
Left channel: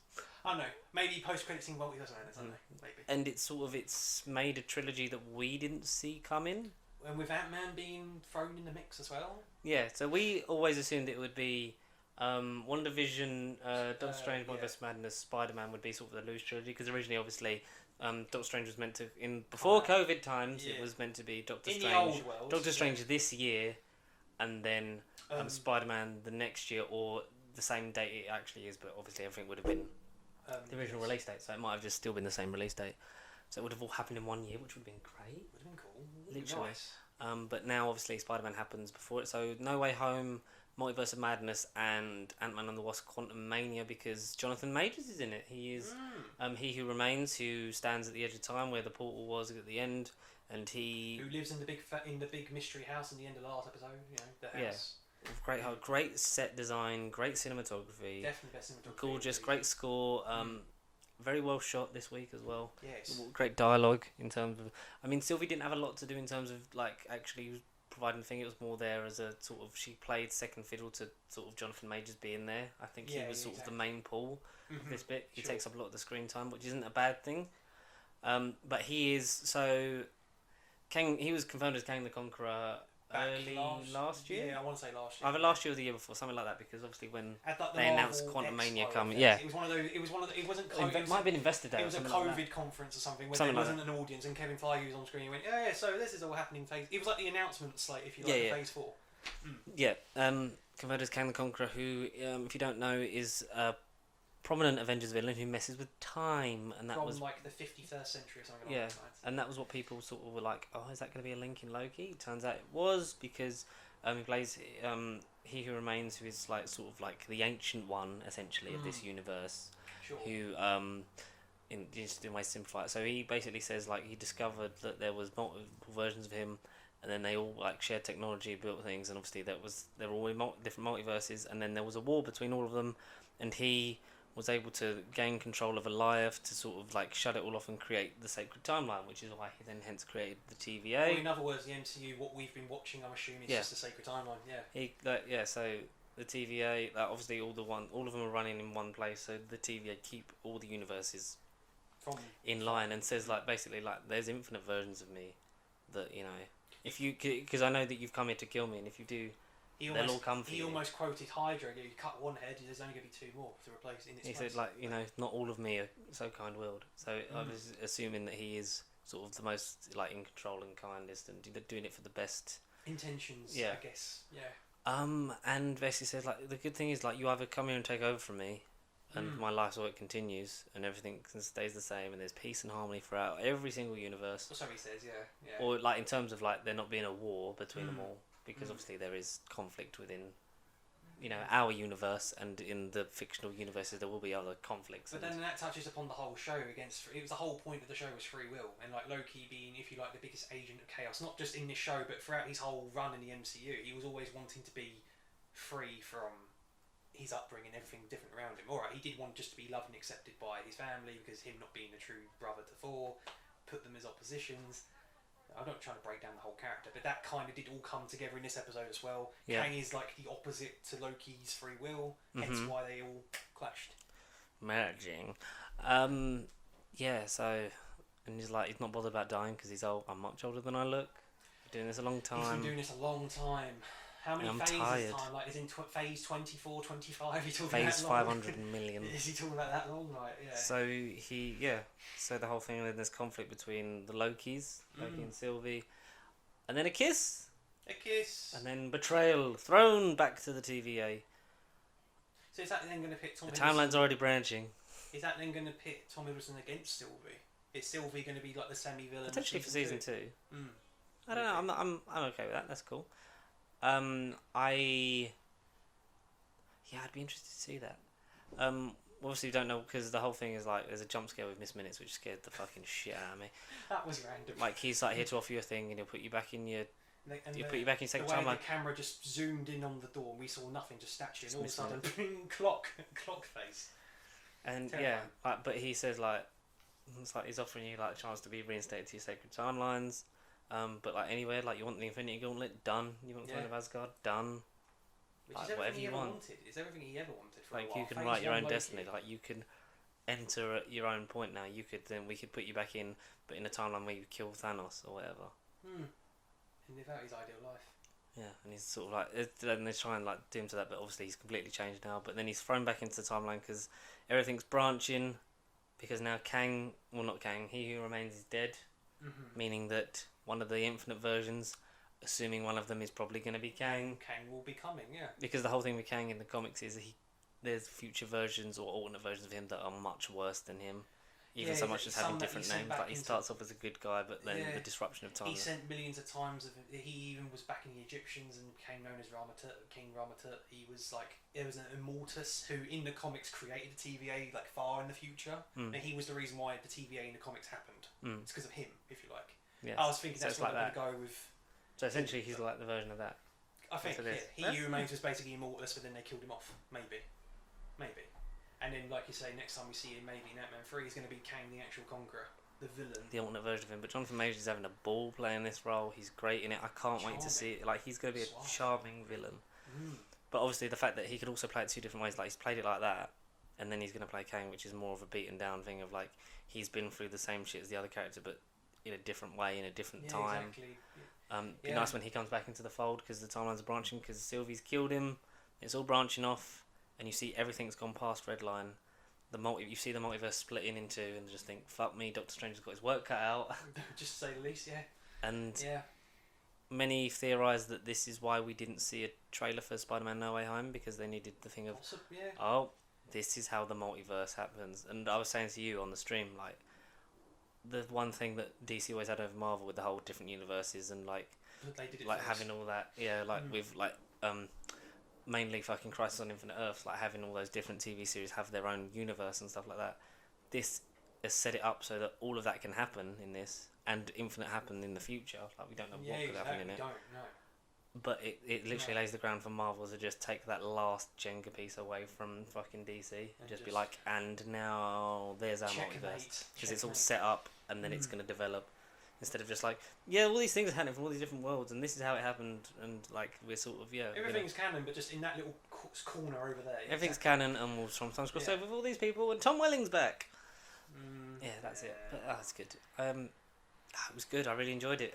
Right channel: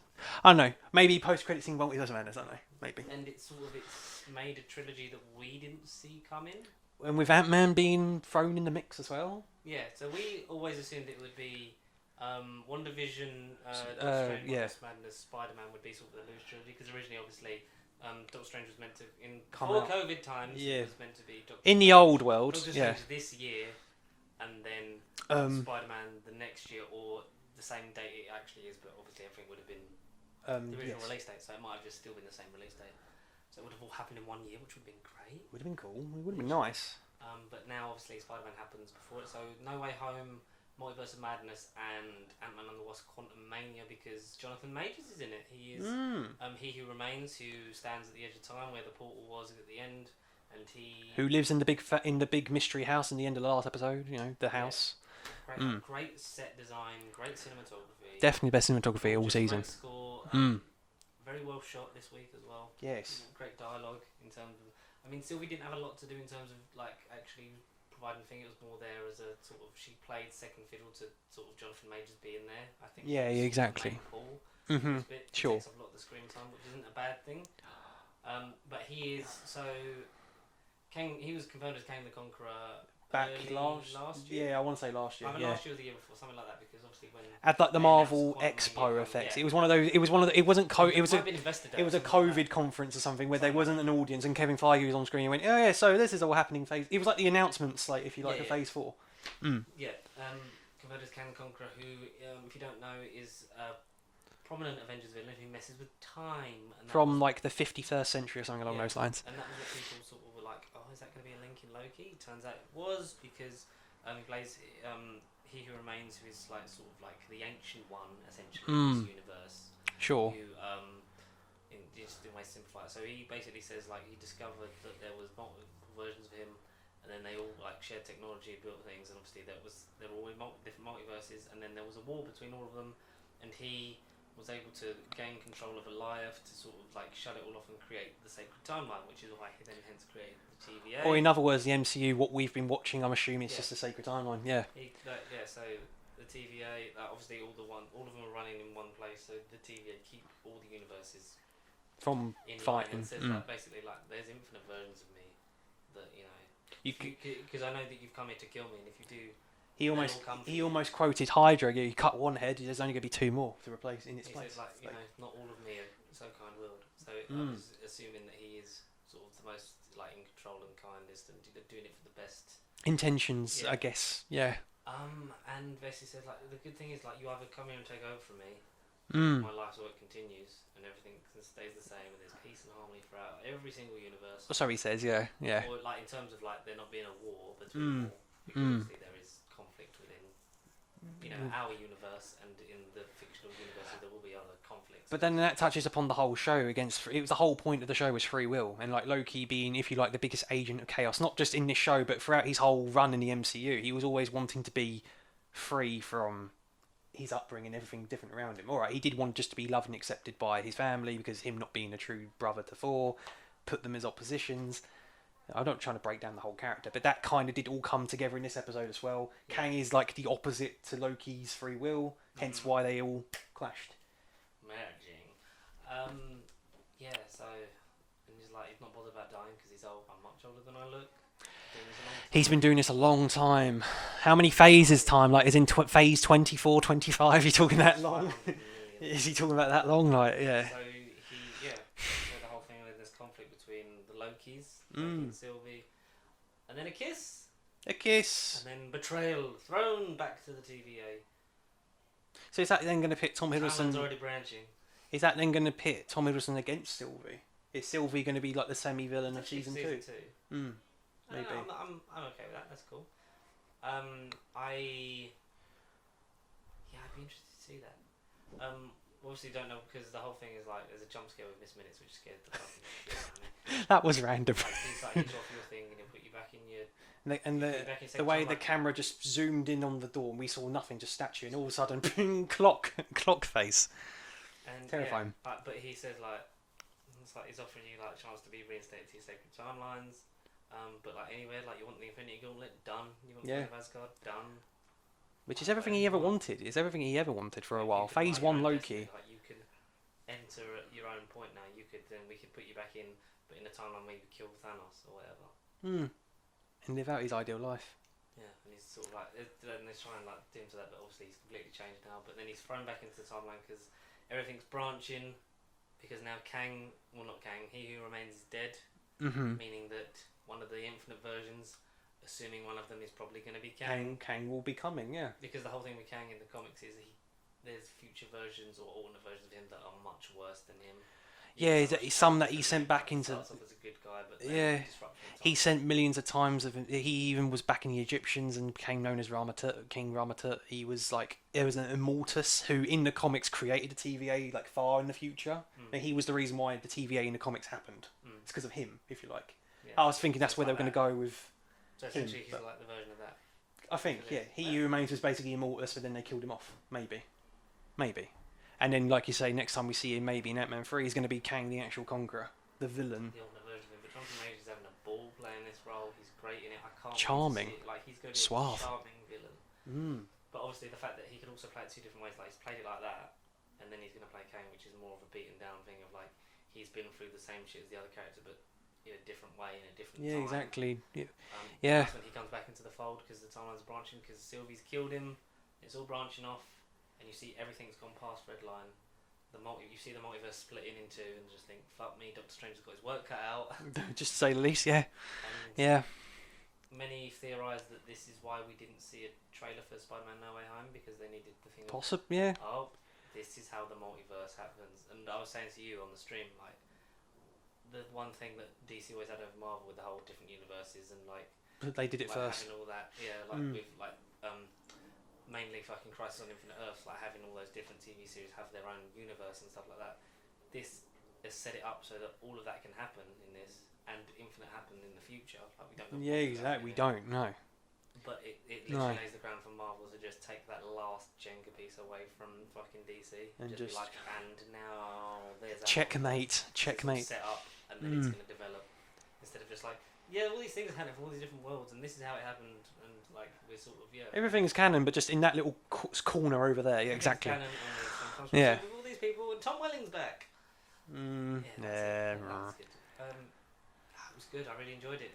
I don't know. Maybe post-credit scene multiverse madness. I don't know. Maybe. And it's made a trilogy that we didn't see coming. And with Ant-Man being thrown in the mix as well. Yeah. So we always assumed it would be. WandaVision, Doctor Strange, Multiverse Madness, Spider-Man would be sort of the loose trilogy because originally, obviously, Doctor Strange was meant to before COVID times. Yeah. It was meant to be Doctor in Strange, the old world. Doctor Strange this year, and then Spider-Man the next year, or the same date it actually is. But obviously, everything would have been the original release date, so it might have just still been the same release date. So it would have all happened in 1 year, which would have been great. Would have been cool. It would have been nice. But now, obviously, Spider-Man happens before it. So No Way Home, Multiverse of Madness, and Ant-Man and the Wasp: Quantumania, because Jonathan Majors is in it. He is He Who Remains, who stands at the edge of time where the portal was at the end, and who lives in the big mystery house in the end of the last episode. You know, the house. Yeah. Great set design, great cinematography. Definitely best cinematography all season. Great score. Very well shot this week as well. Yes. Great dialogue in terms of. I mean, Sylvie didn't have a lot to do in terms of like actually providing the thing. It was more there as a sort of, she played second fiddle to sort of Jonathan Majors being there. I think he was exactly. the main pull. This bit it takes up a lot of the screen time, which isn't a bad thing. But he is Kang. He was confirmed as Kang the Conqueror back last year. Yeah, I want to say last year. Either last year or the year before, something like that. Because obviously when at like the Marvel Expo effect, it was one of those. It was one of the. It wasn't. It was a COVID conference or something where there wasn't an audience, and Kevin Feige was on screen and went, "Oh yeah, so this is all happening." It was like the announcements, like if you like, the Phase 4. Yeah. Confirmed as Kang the Conqueror, who, if you don't know, is a prominent Avengers villain who messes with time, and from like the 51st century or something along those lines. And that was what people sort of were like, "Oh, is that going to be a link in Loki?" It turns out it was, because he plays He Who Remains, who is like sort of like the ancient one essentially of this universe. Sure. Who in my simplify it. So he basically says like he discovered that there was multiple versions of him, and then they all like shared technology, built things, and obviously they were all in different multiverses, and then there was a war between all of them, and he was able to gain control of Alioth to sort of like shut it all off and create the sacred timeline, which is why he then hence created the TVA. Or in other words, the MCU, what we've been watching, I'm assuming, is just the sacred timeline. Yeah. So the TVA, obviously all of them are running in one place. So the TVA keep all the universes from in line, and says like basically like there's infinite versions of me that, you know, if you, because I know that you've come here to kill me, and if you do. He almost quoted Hydra. You cut one head, there's only going to be two more to replace in its place. He said, like, you know, not all of me are so kind-willed. So I was assuming that he is sort of the most like in control and kindest, and doing it for the best intentions, I guess. Yeah. And basically says like the good thing is like you either come here and take over from me, and my life's work continues, and everything stays the same, and there's peace and harmony throughout every single universe. So he says, yeah. Or like in terms of like there not being a war between them all. Because obviously there is conflict within, you know, our universe, and in the fictional universes there will be other conflicts. But then that touches upon the whole show against. It was the whole point of the show was free will, and like Loki being, if you like, the biggest agent of chaos, not just in this show, but throughout his whole run in the MCU, he was always wanting to be free from his upbringing, everything different around him. All right, he did want just to be loved and accepted by his family, because him not being a true brother to Thor, put them as oppositions. I'm not trying to break down the whole character, but that kind of did all come together in this episode as well. Yeah. Kang is like the opposite to Loki's free will, hence why they all clashed. Merging. So, and he's not bothered about dying because he's old. I'm much older than I look. Doing this a long time. He's been doing this a long time. How many phases time? Like, is in phase 24, 25? You're talking that long? 500 million. Is he talking about that long? Like, yeah. So So the whole thing, then there's conflict between the Lokis, Loki and Sylvie, and then a kiss, and then betrayal, thrown back to the TVA. So is that then going to pit Tom Hiddleston? Timeline's already branching. Is that then going to pit Tom Hiddleston against Sylvie? Is Sylvie going to be like the semi-villain of season 2? I don't know. I'm okay with that. That's cool. I'd be interested to see that. Obviously, you don't know, because the whole thing is like there's a jump scare with Miss Minutes, which scared the fucking shit out of me. That was random. Like he's like here to offer you a thing, and he'll put you back in your. The way the camera just zoomed in on the door, and we saw nothing, just statue, and all of a sudden, clock face. And Terrifying. yeah, like, but he says like, it's like he's offering you like a chance to be reinstated to your sacred timelines. But like anywhere, like you want the Infinity Gauntlet, done. You want the Throne of Asgard, done. Which is Like, everything whatever he you ever want. wanted. It's everything he ever wanted for Like, a you while. can Phase write your 1 own Loki. destiny, like you can enter at your own point now. We could put you back in, but in a timeline where you kill Thanos or whatever. And live out his ideal life. Yeah, and he's sort of like, and they try and like do him to that, but obviously he's completely changed now. But then he's thrown back into the timeline because everything's branching. Because now Kang, well not Kang, He Who Remains is dead, meaning that one of the infinite versions, assuming one of them is probably going to be Kang. Kang will be coming, yeah. Because the whole thing with Kang in the comics is there's future versions or alternate versions of him that are much worse than him. Yeah, much just some have a that he different sent name, back like he into. starts off as a good guy, but then Yeah. the disruption of time. He sent millions of times of. He even was back in the Egyptians and became known as King Ramatut. He was like there was an Immortus who in the comics created the TVA like far in the future, and he was the reason why the TVA in the comics happened. It's because of him, if you like. Yeah. I was thinking So that's it's where like they were going to go with. So essentially, him, he's but- like the version of that. I think, So yeah. this- He that's- Who Remains was basically Immortus, but then they killed him off. Maybe. And then, like you say, next time we see him, maybe in Ant-Man 3, he's going to be Kang, the actual Conqueror, the villain. The alternate version of him, but Jonathan Majors is having a ball playing this role. He's great in it. I can't wait to Charming. see it. Like he's going to be Suave. a charming villain. But obviously, the fact that he could also play it two different ways, like he's played it like that, and then he's going to play Kang, which is more of a beaten down thing of like he's been through the same shit as the other character, but in a different way, in a different time. Exactly. Yeah. And Yeah. that's when he comes back into the fold because the timelines are branching because Sylvie's killed him. It's all branching off, and you see everything's gone past Redline. You see the multiverse splitting into, and just think, fuck me, Doctor Strange has got his work cut out. Just to say the least, yeah. And many theorise that this is why we didn't see a trailer for Spider-Man No Way Home, because they needed the thing of, Possibly, yeah. oh, this is how the multiverse happens. And I was saying to you on the stream, like, the one thing that DC always had over Marvel with the whole different universes and, like, But they did it like first. having all that, with, like, mainly fucking Crisis on Infinite Earths, like having all those different TV series have their own universe and stuff like that. This has set it up so that all of that can happen in this, and Infinite happen in the future. Like we don't know. Yeah, what could happen exactly. in We it. don't know. But it literally No. lays the ground for Marvel to just take that last Jenga piece away from fucking DC and just be just- like, and now there's our Checkmate. multiverse. 'Cause it's all Checkmate. set up, and then it's going to develop. Instead of just like, yeah, all these things are happening from all these different worlds, and this is how it happened, and like we're sort of Everything's canon, but just in that little corner over there. Yeah, everything's exactly. canon, and we'll sometimes Yeah. crossover with all these people, and Tom Welling's back. Mm, Yeah, that's it. Yeah, that was good. It was good. I really enjoyed it.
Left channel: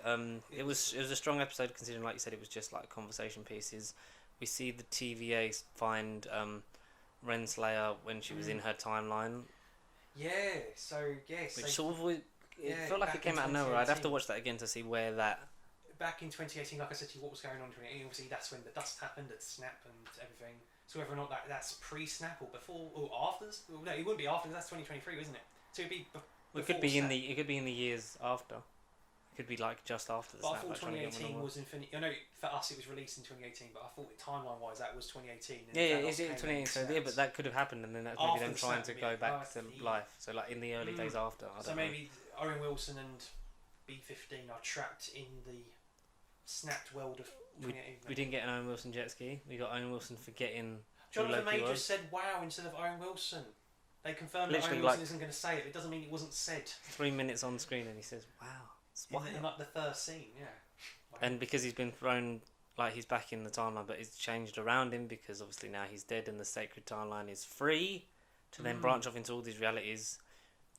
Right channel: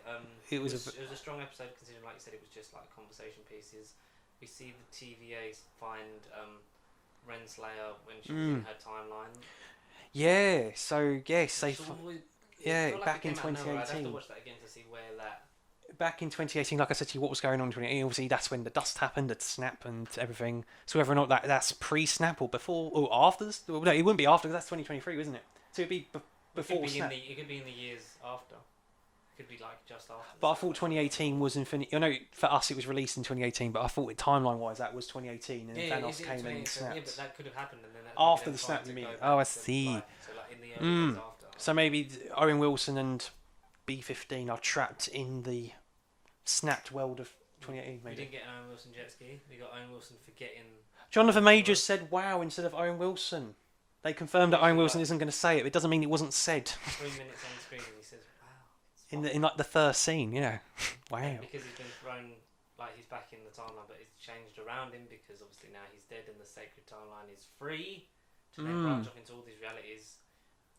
It was a strong episode considering, like you said, it was just like conversation pieces. We see the TVA find Renslayer when she was in her timeline. Yeah. So yes, Which they sort of, yeah, it felt like back it came in out of nowhere. I'd have to 2018. watch that again to see where that. back in 2018, like I said to you, what was going on in 2018? Obviously, that's when the dust happened, the snap and everything. So whether or not that's pre-snap or before or after, well, no, it wouldn't be after. 'Cause that's 2023, isn't it? So it'd be It before could be snap. it could be in the years after. It could be like just after. the But I snap, thought actually. 2018 was Infinity. I know for us it was released in 2018, but I thought timeline-wise that was 2018, and Yeah, Thanos it's came in and so, yeah, snapped. but that could have happened, and then that's After maybe the them trying snap, to you go mean? back Oh, I to, see. like, so like in the early days after. So maybe Owen Wilson and B-15 are trapped in the snapped world of 2018. We maybe. didn't get an Owen Wilson jet ski. We got Owen Wilson forgetting. Jonathan Loki Majors was. said "wow" instead of Owen Wilson. They confirmed that Literally, Owen Wilson like- isn't going to say it. It doesn't mean it wasn't said 3 minutes on screen, and he says, "Wow." it's in wild." like the first scene. Yeah, wow. And because he's been thrown, like he's back in the timeline, but it's changed around him because obviously now he's dead, and the sacred timeline is free to then branch off into all these realities.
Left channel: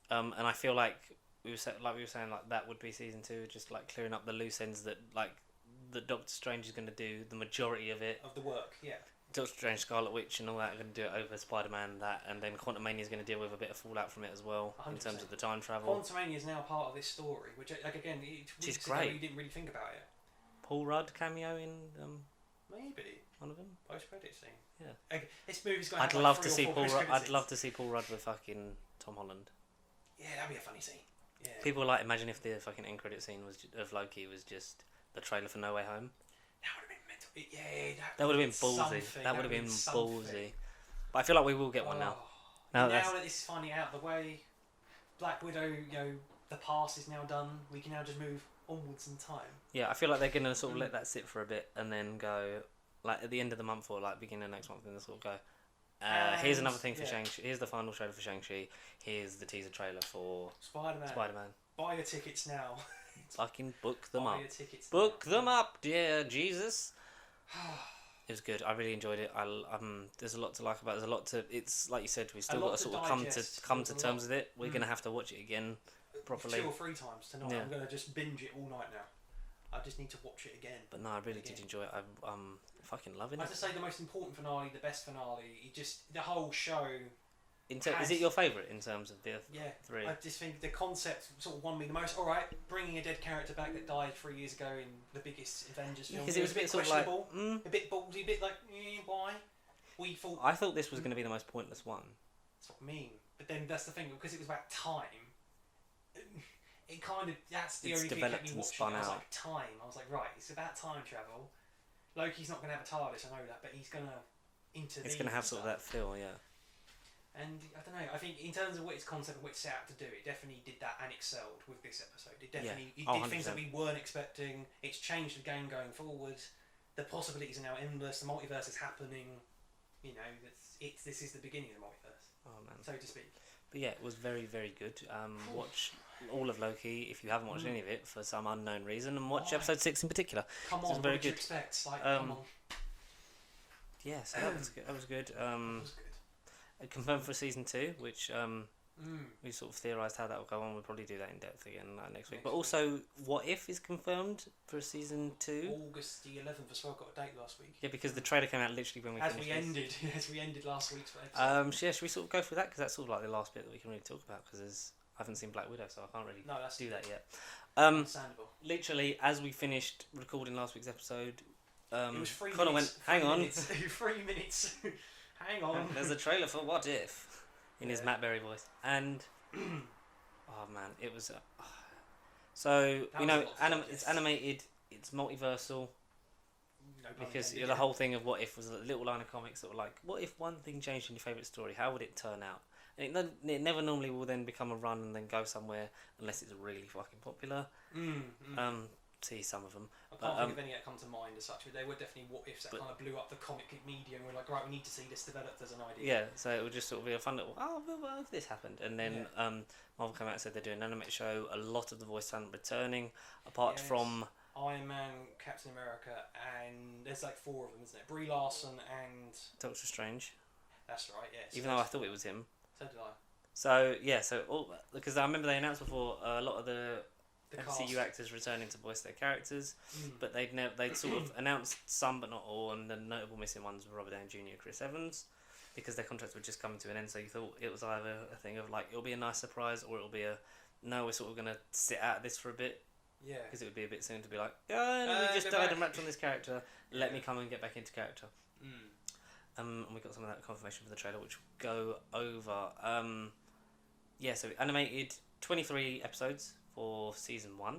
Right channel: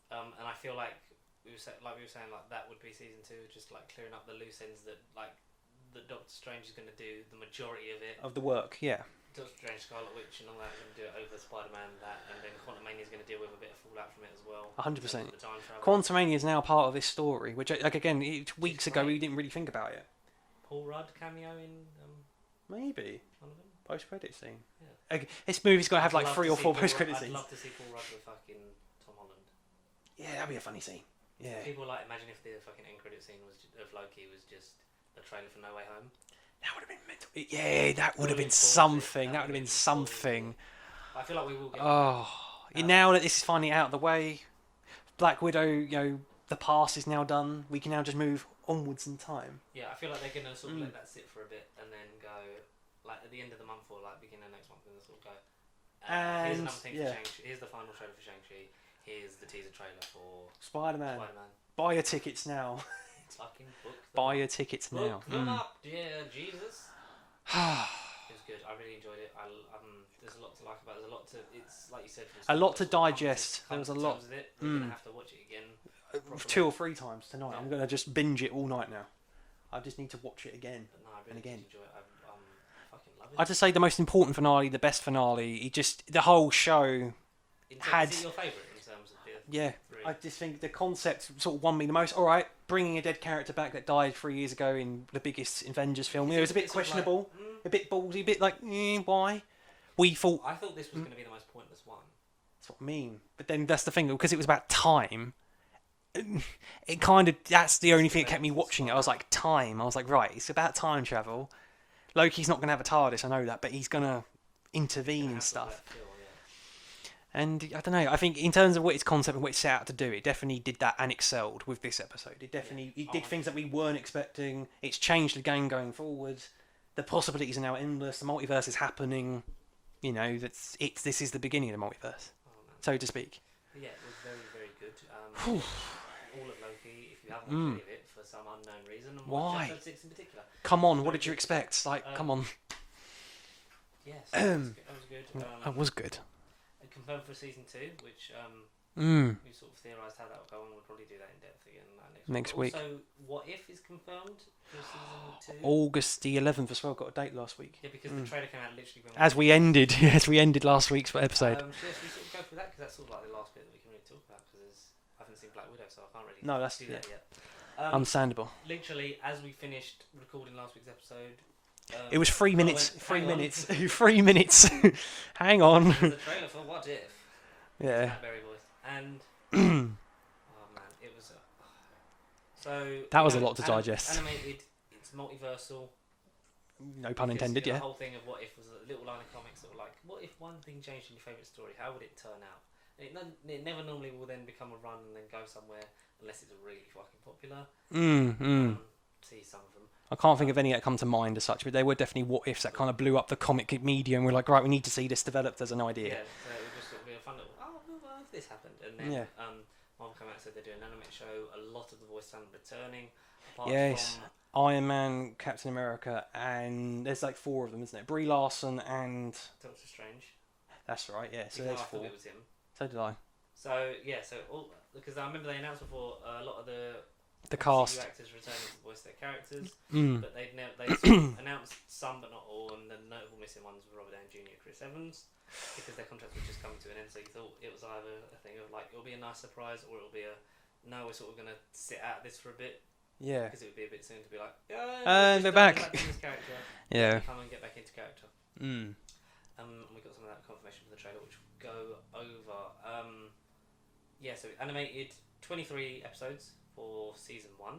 And I feel like we were saying, like that would be season 2, just like clearing up the loose ends that like the Doctor Strange is going to do the majority of it. Of the work, yeah. Doctor Strange, Scarlet Witch, and all that are going to do it over Spider-Man, and then Quantumania is going to deal with a bit of fallout from it as well. 100%. In terms of the time travel. Quantumania is now part of this story, which like again, weeks ago great. we didn't really think about it. Paul Rudd cameo in Maybe one of them. post-credit scene. Yeah. Okay, this movie's got to have I'd like love 3 to or see 4 Paul post-credit Rudd- scenes. I'd love to see Paul Rudd with fucking Tom Holland. Yeah, that'd be a funny scene. Yeah. People like imagine if the fucking end credit scene of Loki was just the trailer for No Way Home. That would have been mental. Yeah, that would have would've been ballsy. something. That That would would've have been been something. ballsy. But I feel like we will get one Oh, now. now that this is finally out of the way, Black Widow, the past is now done. We can now just move onwards in time. Yeah, I feel like they're gonna sort of let that sit for a bit and then go like at the end of the month or like beginning of next month, and they'll sort of go, Here's another thing for yeah. Shang-Chi. Here's the final trailer for Shang-Chi. Here's the teaser trailer for Spider-Man. Buy your tickets now. Fucking book them Buy up. your tickets now. Book them up, dear Jesus. It was good. I really enjoyed it. There's a lot to like about it. There's a lot to... It's like you said. A lot to digest. Come to terms with it. We're going to have to watch it again properly. 2 or 3 times tonight. Yeah. I'm going to just binge it all night now. I just need to watch it again. But no, I really did enjoy it. I'm fucking loving it. I'd just say the most important finale, the best finale. The whole show... Is it your favourite in terms of the 3? I just think the concept sort of won me the most. All right, bringing a dead character back that died 3 years ago in the biggest Avengers film. It was a bit questionable, a bit ballsy, a bit like, why? I thought this was going to be the most pointless one. That's what I mean. But then that's the thing, because it was about time. It kind of that's the only thing that kept me watching it. I was like, time. I was like, right, it's about time travel. Loki's not going to have a TARDIS, I know that, but he's going to intervene and stuff. That feel, yeah. And I don't know. I think in terms of what its concept and what it set out to do, it definitely did that and excelled with this episode. It definitely it did things that we weren't expecting. It's changed the game going forward. The possibilities are now endless. The multiverse is happening. You know, this is the beginning of the multiverse, so to speak. But yeah, it was very, very good. Watch all of Loki if you haven't watched any of it for some unknown reason, and watch episode 6 in particular. Come on, what did you expect? Like, come on. Yes, that was good. That was good. Confirmed for season 2, which we sort of theorised how that will go on. We'll probably do that in depth again next week. Also, What If is confirmed for season 2. August the 11th as well. Got a date last week. Yeah, because the trailer came out literally when we ended last week's episode. So yeah, should we sort of go through that, because that's sort of like the last bit that we can really talk about, because I haven't seen Black Widow, so I can't really do that yet. Understandable. Literally, as we finished recording last week's episode. It was 3 minutes. 3 minutes. 3 minutes. Hang on. There's a trailer for What If. His Matt Berry voice. And oh man, it was. So that was a lot to digest. Animated. It's multiversal. No pun intended. The whole thing of What If was a little line of comics that were like, what if one thing changed in your favourite story? How would it turn out? And it never normally will then become a run and then go somewhere unless it's really fucking popular. See some of them. I can't think of any that come to mind as such, but they were definitely what ifs that kind of blew up the comic media, and we're like, right, we need to see this developed as an idea. Yeah, so it would just sort of be a fun little, well, if this happened, and then Marvel came out and said they're doing an animated show. A lot of the voice talent returning, apart from Iron Man, Captain America, and there's like 4 of them, isn't it? Brie Larson and Doctor Strange. That's right. Yeah. So even though I thought it was him. So did I. So yeah, because I remember they announced before a lot of the cast actors returning to voice their characters, but they sort of announced some but not all, and the notable missing ones were Robert Downey Jr. and Chris Evans, because their contracts were just coming to an end. So you thought it was either a thing of like, it'll be a nice surprise, or it'll be no, we're sort of gonna sit out this for a bit. Yeah, because it would be a bit soon to be like, they're back. This character. Yeah, come and get back into character. And we got some of that confirmation for the trailer, which we'll go over. So animated 23 episodes for season 1.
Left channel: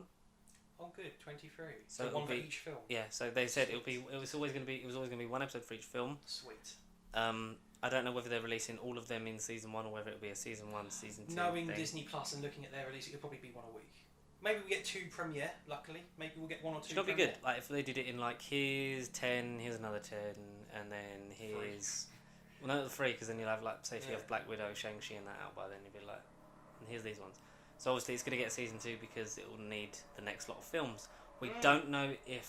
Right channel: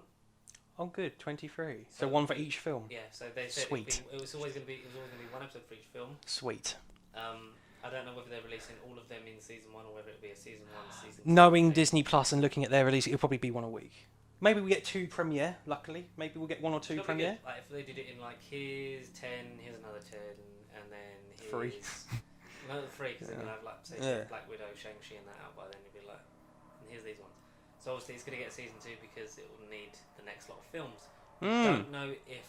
Oh, good, 23. So one for each film. Yeah. So they said it was always going to be 1 episode for each film. Sweet. I don't know whether they're releasing all of them in season 1 or whether it'll be a season 1, season 2. Knowing Disney Plus and looking at their release, it'll probably be 1 a week. Maybe we get 2 premiere. Luckily, maybe we'll get 1 or 2 premiere. Good. Like if they did it in like, here's 10, here's another 10, and then here's 3. No, 3, because then you'll have like, say, if you have Black Widow, Shang-Chi, and that out by then, you'll be like, and here's these ones. So obviously it's going to get a season 2 because it will need the next lot of films. We don't know if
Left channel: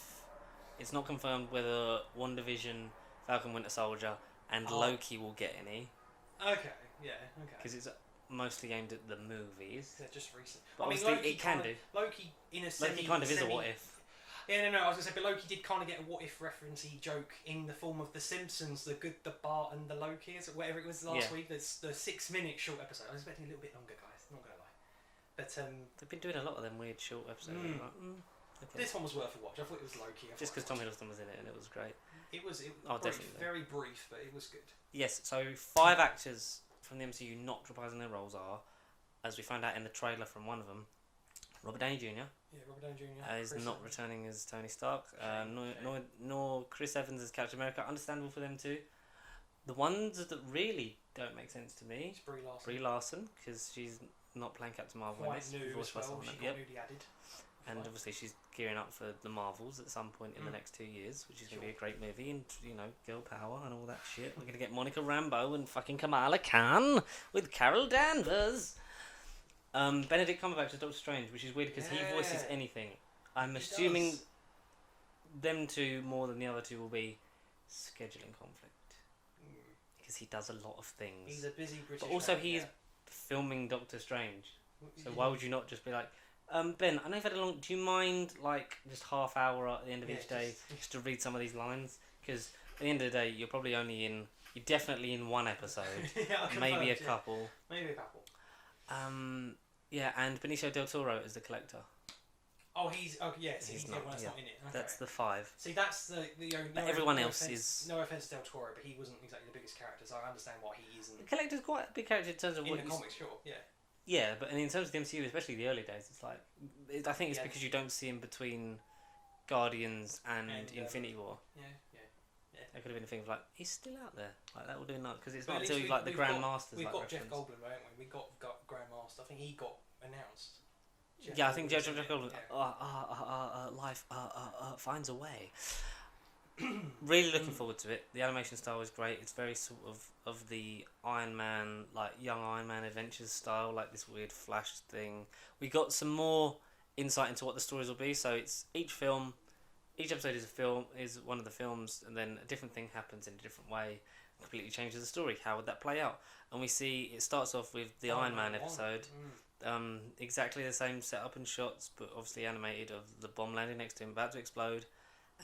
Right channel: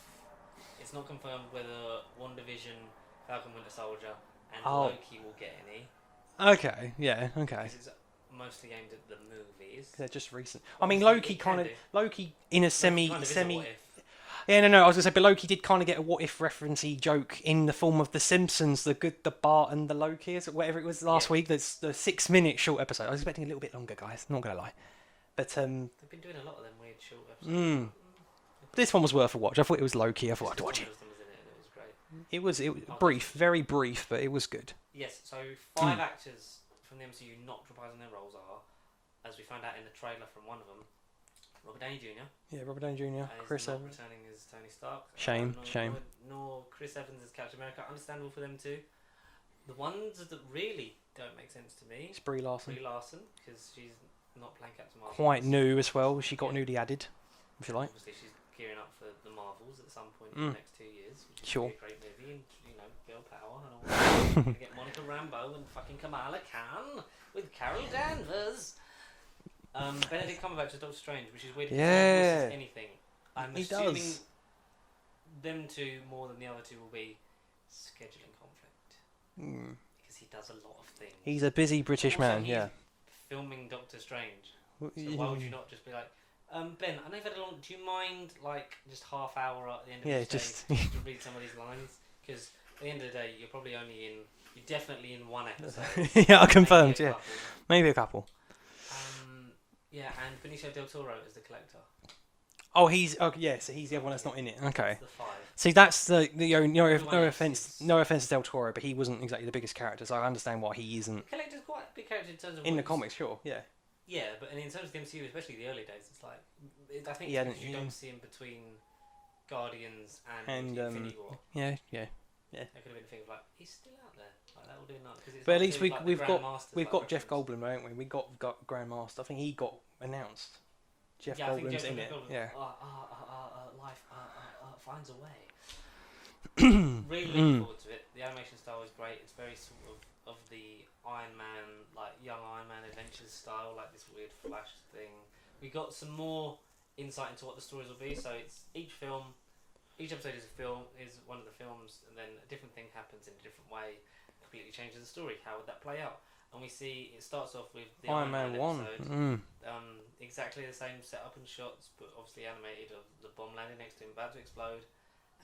it's not confirmed whether WandaVision, Falcon Winter Soldier, and Loki will get any. Okay, yeah, okay. Because it's mostly aimed at the movies. They're just recent. But I mean, Loki in a semi. What if. Yeah, no. I was gonna say, but Loki did kind of get a what if referencey joke in the form of The Simpsons, the Bart and the Loki, whatever it was last week. That's the 6-minute short episode. I was expecting a little bit longer, guys. Not gonna lie. But they've been doing a lot of them weird short episodes. This one was worth a watch. I thought it was Loki. I thought I'd watch it. Was in it, and it was great. It was brief, very brief, but it was good. Yes. So 5 actors from the MCU not reprising their roles are, as we found out in the trailer from one of them, Robert Downey Jr. Yeah, Robert Downey Jr. Is Chris not Evans. returning as Tony Stark. Shame. Nor Chris Evans as Captain America. Understandable for them too. The ones that really don't make sense to me. It's Brie Larson. Because she's not playing Captain Marvel. Quite new as well. She got newly added, if you And like. obviously, she's gearing up for the Marvels at some point in the next 2 years, which is Sure. going to be a great movie, and girl power and all that. We're going to get Monica Rambeau and fucking Kamala Khan with Carol Danvers. Benedict Cumberbatch as Doctor Strange, which is weird because he voices anything. I'm assuming them two more than the other two will be scheduling conflict because he does a lot of things. He's a busy British man. He's filming Doctor Strange, so why would you not just be like, Ben, I know you've had a long. Do you mind just half hour at the end of each day just to read some of these lines? Because at the end of the day, you're definitely in one episode. Yeah, I confirmed. Maybe a couple. And Benicio del Toro is the Collector. Oh, he's the other one that's not in it. Okay. That's the 5. See, that's no offense to Del Toro, but he wasn't exactly the biggest character, so I understand why he isn't. The Collector's quite a big character in terms of in the comics, sure, yeah. Yeah, but in terms of the MCU, especially the early days, it's like I think it's because you don't see him between Guardians and Infinity War. Yeah. There could have been a thing of like he's still out there, like that will do nothing because it's. But at least we've got like Jeff Goldblum, haven't we? We got Grandmaster. I think he got announced. I think Jeff Goldblum. Life finds a way. Really looking forward to it. The animation style is great. It's very sort of the Iron Man, like young Iron Man adventures style, like this weird Flash thing. We got some more insight into what the stories will be. So it's each episode is one of the films, and then a different thing happens in a different way, completely changes the story. How would that play out? And we see it starts off with the Iron Man episode, exactly the same setup and shots, but obviously animated of the bomb landing next to him, about to explode,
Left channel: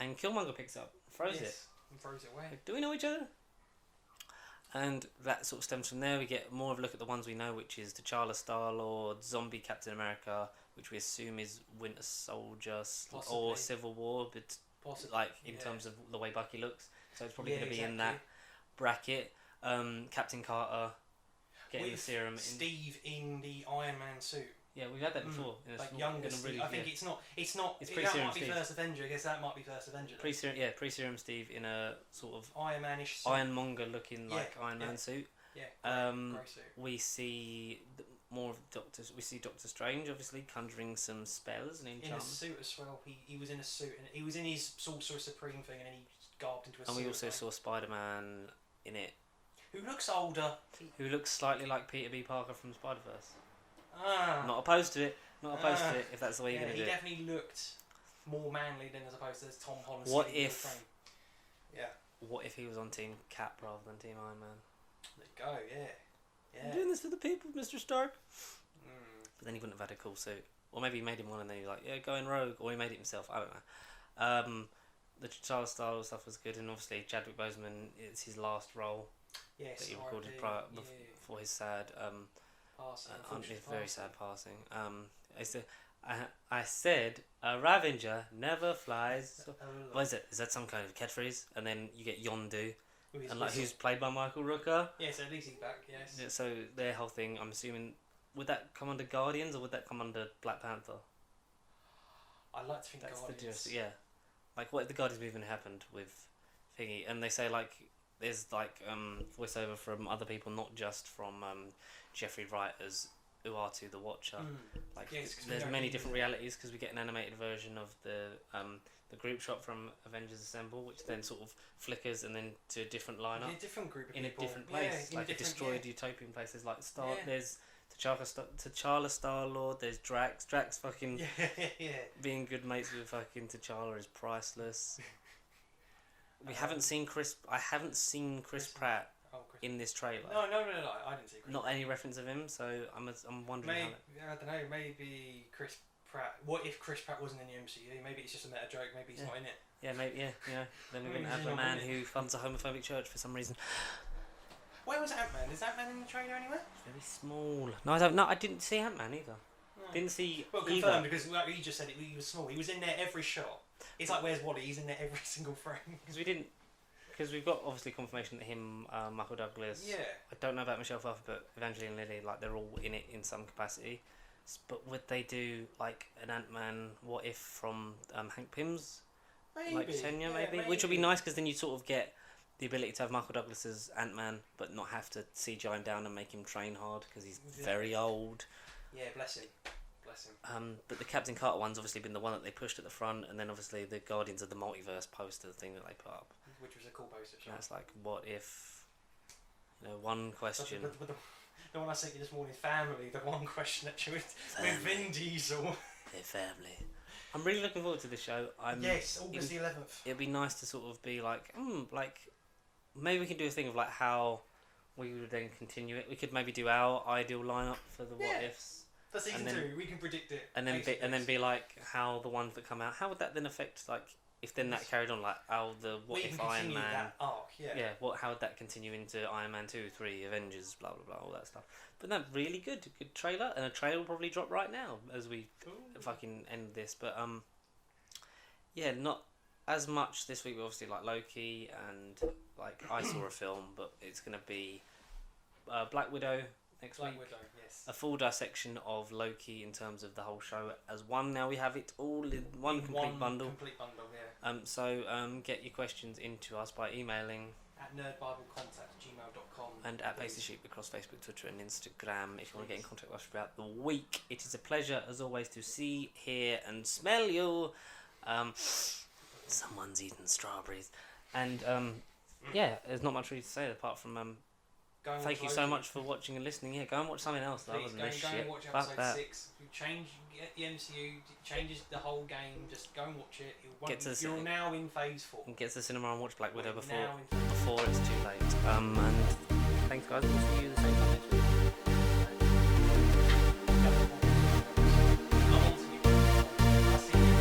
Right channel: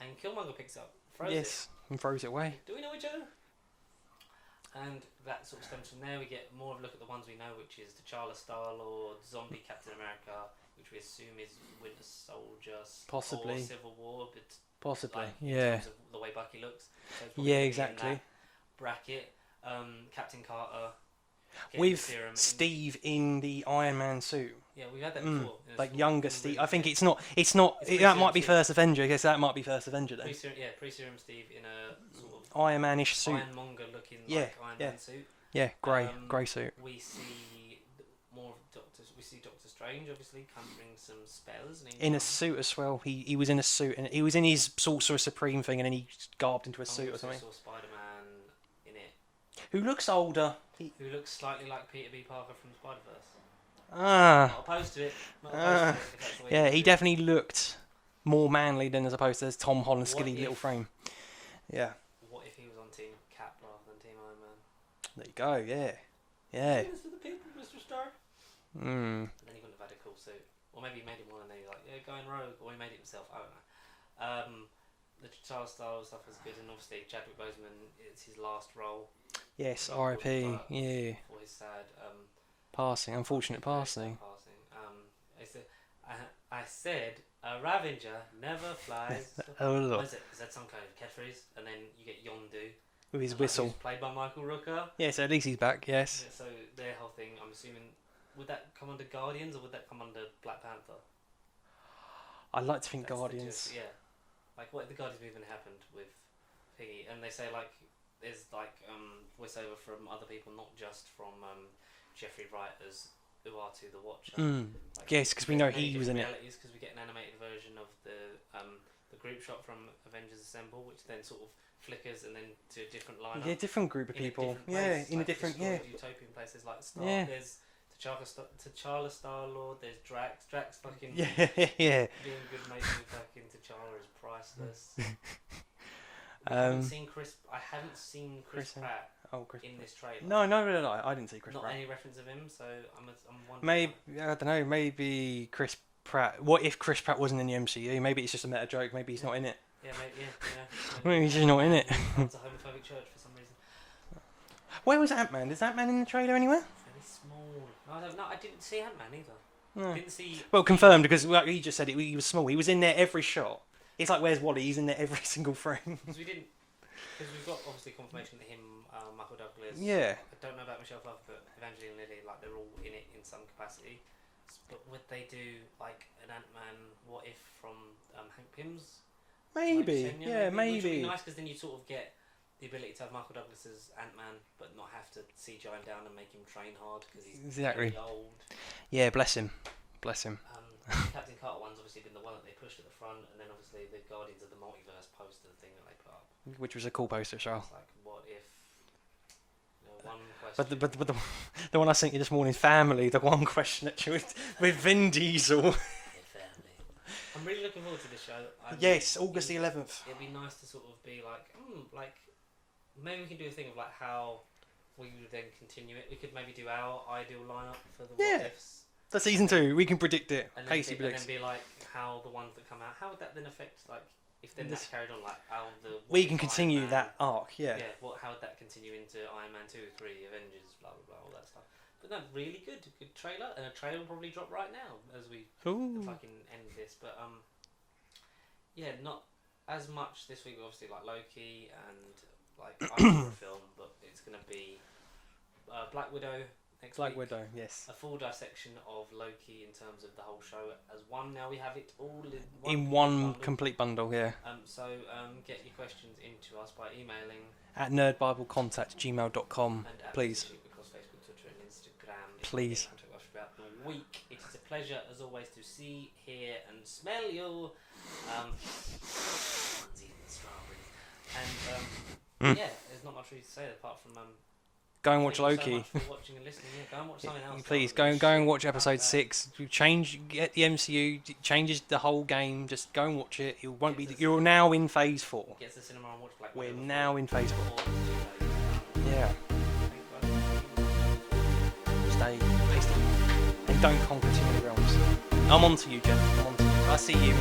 and Killmonger picks up, throws it, and throws it away. Do we know each other? And that sort of stems from there. We get more of a look at the ones we know, which is T'Challa, Star-Lord, Zombie Captain America, which we assume is Winter Soldier or Civil War, but possibly, in terms of the way Bucky looks. So it's probably exactly. In that bracket. Captain Carter with Steve in the Iron Man suit. Yeah, we've had that before. Like younger Steve. I think it's not. That might be First Avenger. I guess that might be First Avenger then. Pre-serum Steve in a sort of Iron Man-ish suit. Ironmonger looking Iron Man suit. Yeah, grey suit. We see more of We see Doctor Strange obviously conjuring some spells. In a suit as well. He was in a suit, and he was in his Sorcerer Supreme thing, and then he garbed into a suit. We also saw Spider-Man in it. Who looks older. Who looks slightly like Peter B. Parker from Spider-Verse. Not opposed to it. If that's the way he definitely looked more manly than as opposed to his Tom Holland skinny little frame. Yeah. What if he was on Team Cap rather than Team Iron Man? There you go, yeah. Doing this for the people, Mr. Stark. Then he wouldn't have had a cool suit. Or maybe he made him one and then he was like, yeah, going rogue. Or he made it himself. I don't know. The T'Challa style stuff was good, and obviously Chadwick Boseman, it's his last role. Yes, R.I.P. Yeah. For his sad passing, unfortunate passing. I said a Ravenger never flies. What is it? Is that some kind of catchphrase? And then you get Yondu with his whistle. Who's played by Michael Rooker. Yeah, so at least he's back. Yes. Yeah, so their whole thing, I'm assuming, would that come under Guardians or would that come under Black Panther? I'd like to think Guardians. Yeah. Like, what if the Guardians movement happened with Thingy? And they say, like, there's, like, voiceover from other people, not just from Jeffrey Wright as Uatu the Watcher. Like, yes, because we know he was in realities, because we get an animated version of the group shot from Avengers Assemble, which then sort of flickers and then to a different lineup. Yeah, different group of people. In a different utopian places like there's T'Challa, Star-Lord, there's Drax. Drax fucking being good mates with fucking T'Challa is priceless. I haven't seen Chris Pratt in this trailer. No, I didn't see Chris Pratt. Not any reference of him, so I'm wondering. Maybe I don't know. Maybe Chris Pratt. What if Chris Pratt wasn't in the MCU? Maybe it's just a meta joke. Maybe he's not in it. Yeah, maybe. Maybe he's just not in it. He runs a homophobic church for some reason. Where was Ant-Man? Is Ant-Man in the trailer anywhere? Very small. No, I don't. No, I didn't see Ant-Man either. No. Didn't see. Well, confirmed because he just said it. He was small. He was in there every shot. It's like Where's Wally? He's in there every single frame. Because we've got obviously confirmation that him, Michael Douglas. Yeah. I don't know about Michelle Pfeiffer, but Evangeline Lilly, like they're all in it in some capacity. But would they do like an Ant-Man? What if from Hank Pym's? Maybe. Like, Kenya, maybe. Which would be nice because then you sort of get the ability to have Michael Douglas as Ant-Man, but not have to CGI him down and make him train hard because he's very old. Yeah, bless him. Bless him. The Captain Carter one's obviously been the one that they pushed at the front, and then obviously the Guardians of the Multiverse poster thing that they put up. Which was a cool poster, sure. It's like, what if... one question... But the one I sent you this morning, family, the one question that you with Vin Diesel. Yeah, family. I'm really looking forward to this show. Yes, August the 11th. It'd be nice to sort of be like, maybe we can do a thing of like how we would then continue it. We could maybe do our ideal lineup for the what ifs. For season 2, we can predict it. And then be like how the ones that come out. How would that then affect like if then that carried on like how the we can continue that arc. Yeah. Yeah. How would that continue into Iron Man 2, 3, Avengers, blah blah blah, all that stuff. But no, really good trailer, and a trailer will probably drop right now as we fucking end this. But yeah, not as much this week. Obviously, like Loki and like I saw a film, but it's gonna be Black Widow next week. Black Widow, yes. A full dissection of Loki in terms of the whole show as one. Now we have it all in one complete bundle. Yeah. So get your questions into us by emailing at nerdbiblecontact@gmail.com. And at please. Sheep across Facebook, Twitter, and Instagram. If please. You get in contact with us throughout the week. It is a pleasure, as always, to see, hear, and smell you. Someone's eating strawberries. And yeah, there's not much really to say apart from go and watch Loki. Thank you so much for watching and listening. Yeah, go and watch something else. Please go and watch episode 6. Get the MCU. Changes the whole game. Just go and watch it. You're now in phase 4. Get to the cinema and watch Black Widow. We're now in phase 4. It's too late. Yeah. Thanks, guys. We'll see you in the same Stay. And don't conquer too many realms. I'm on to you, Jeff. I see you.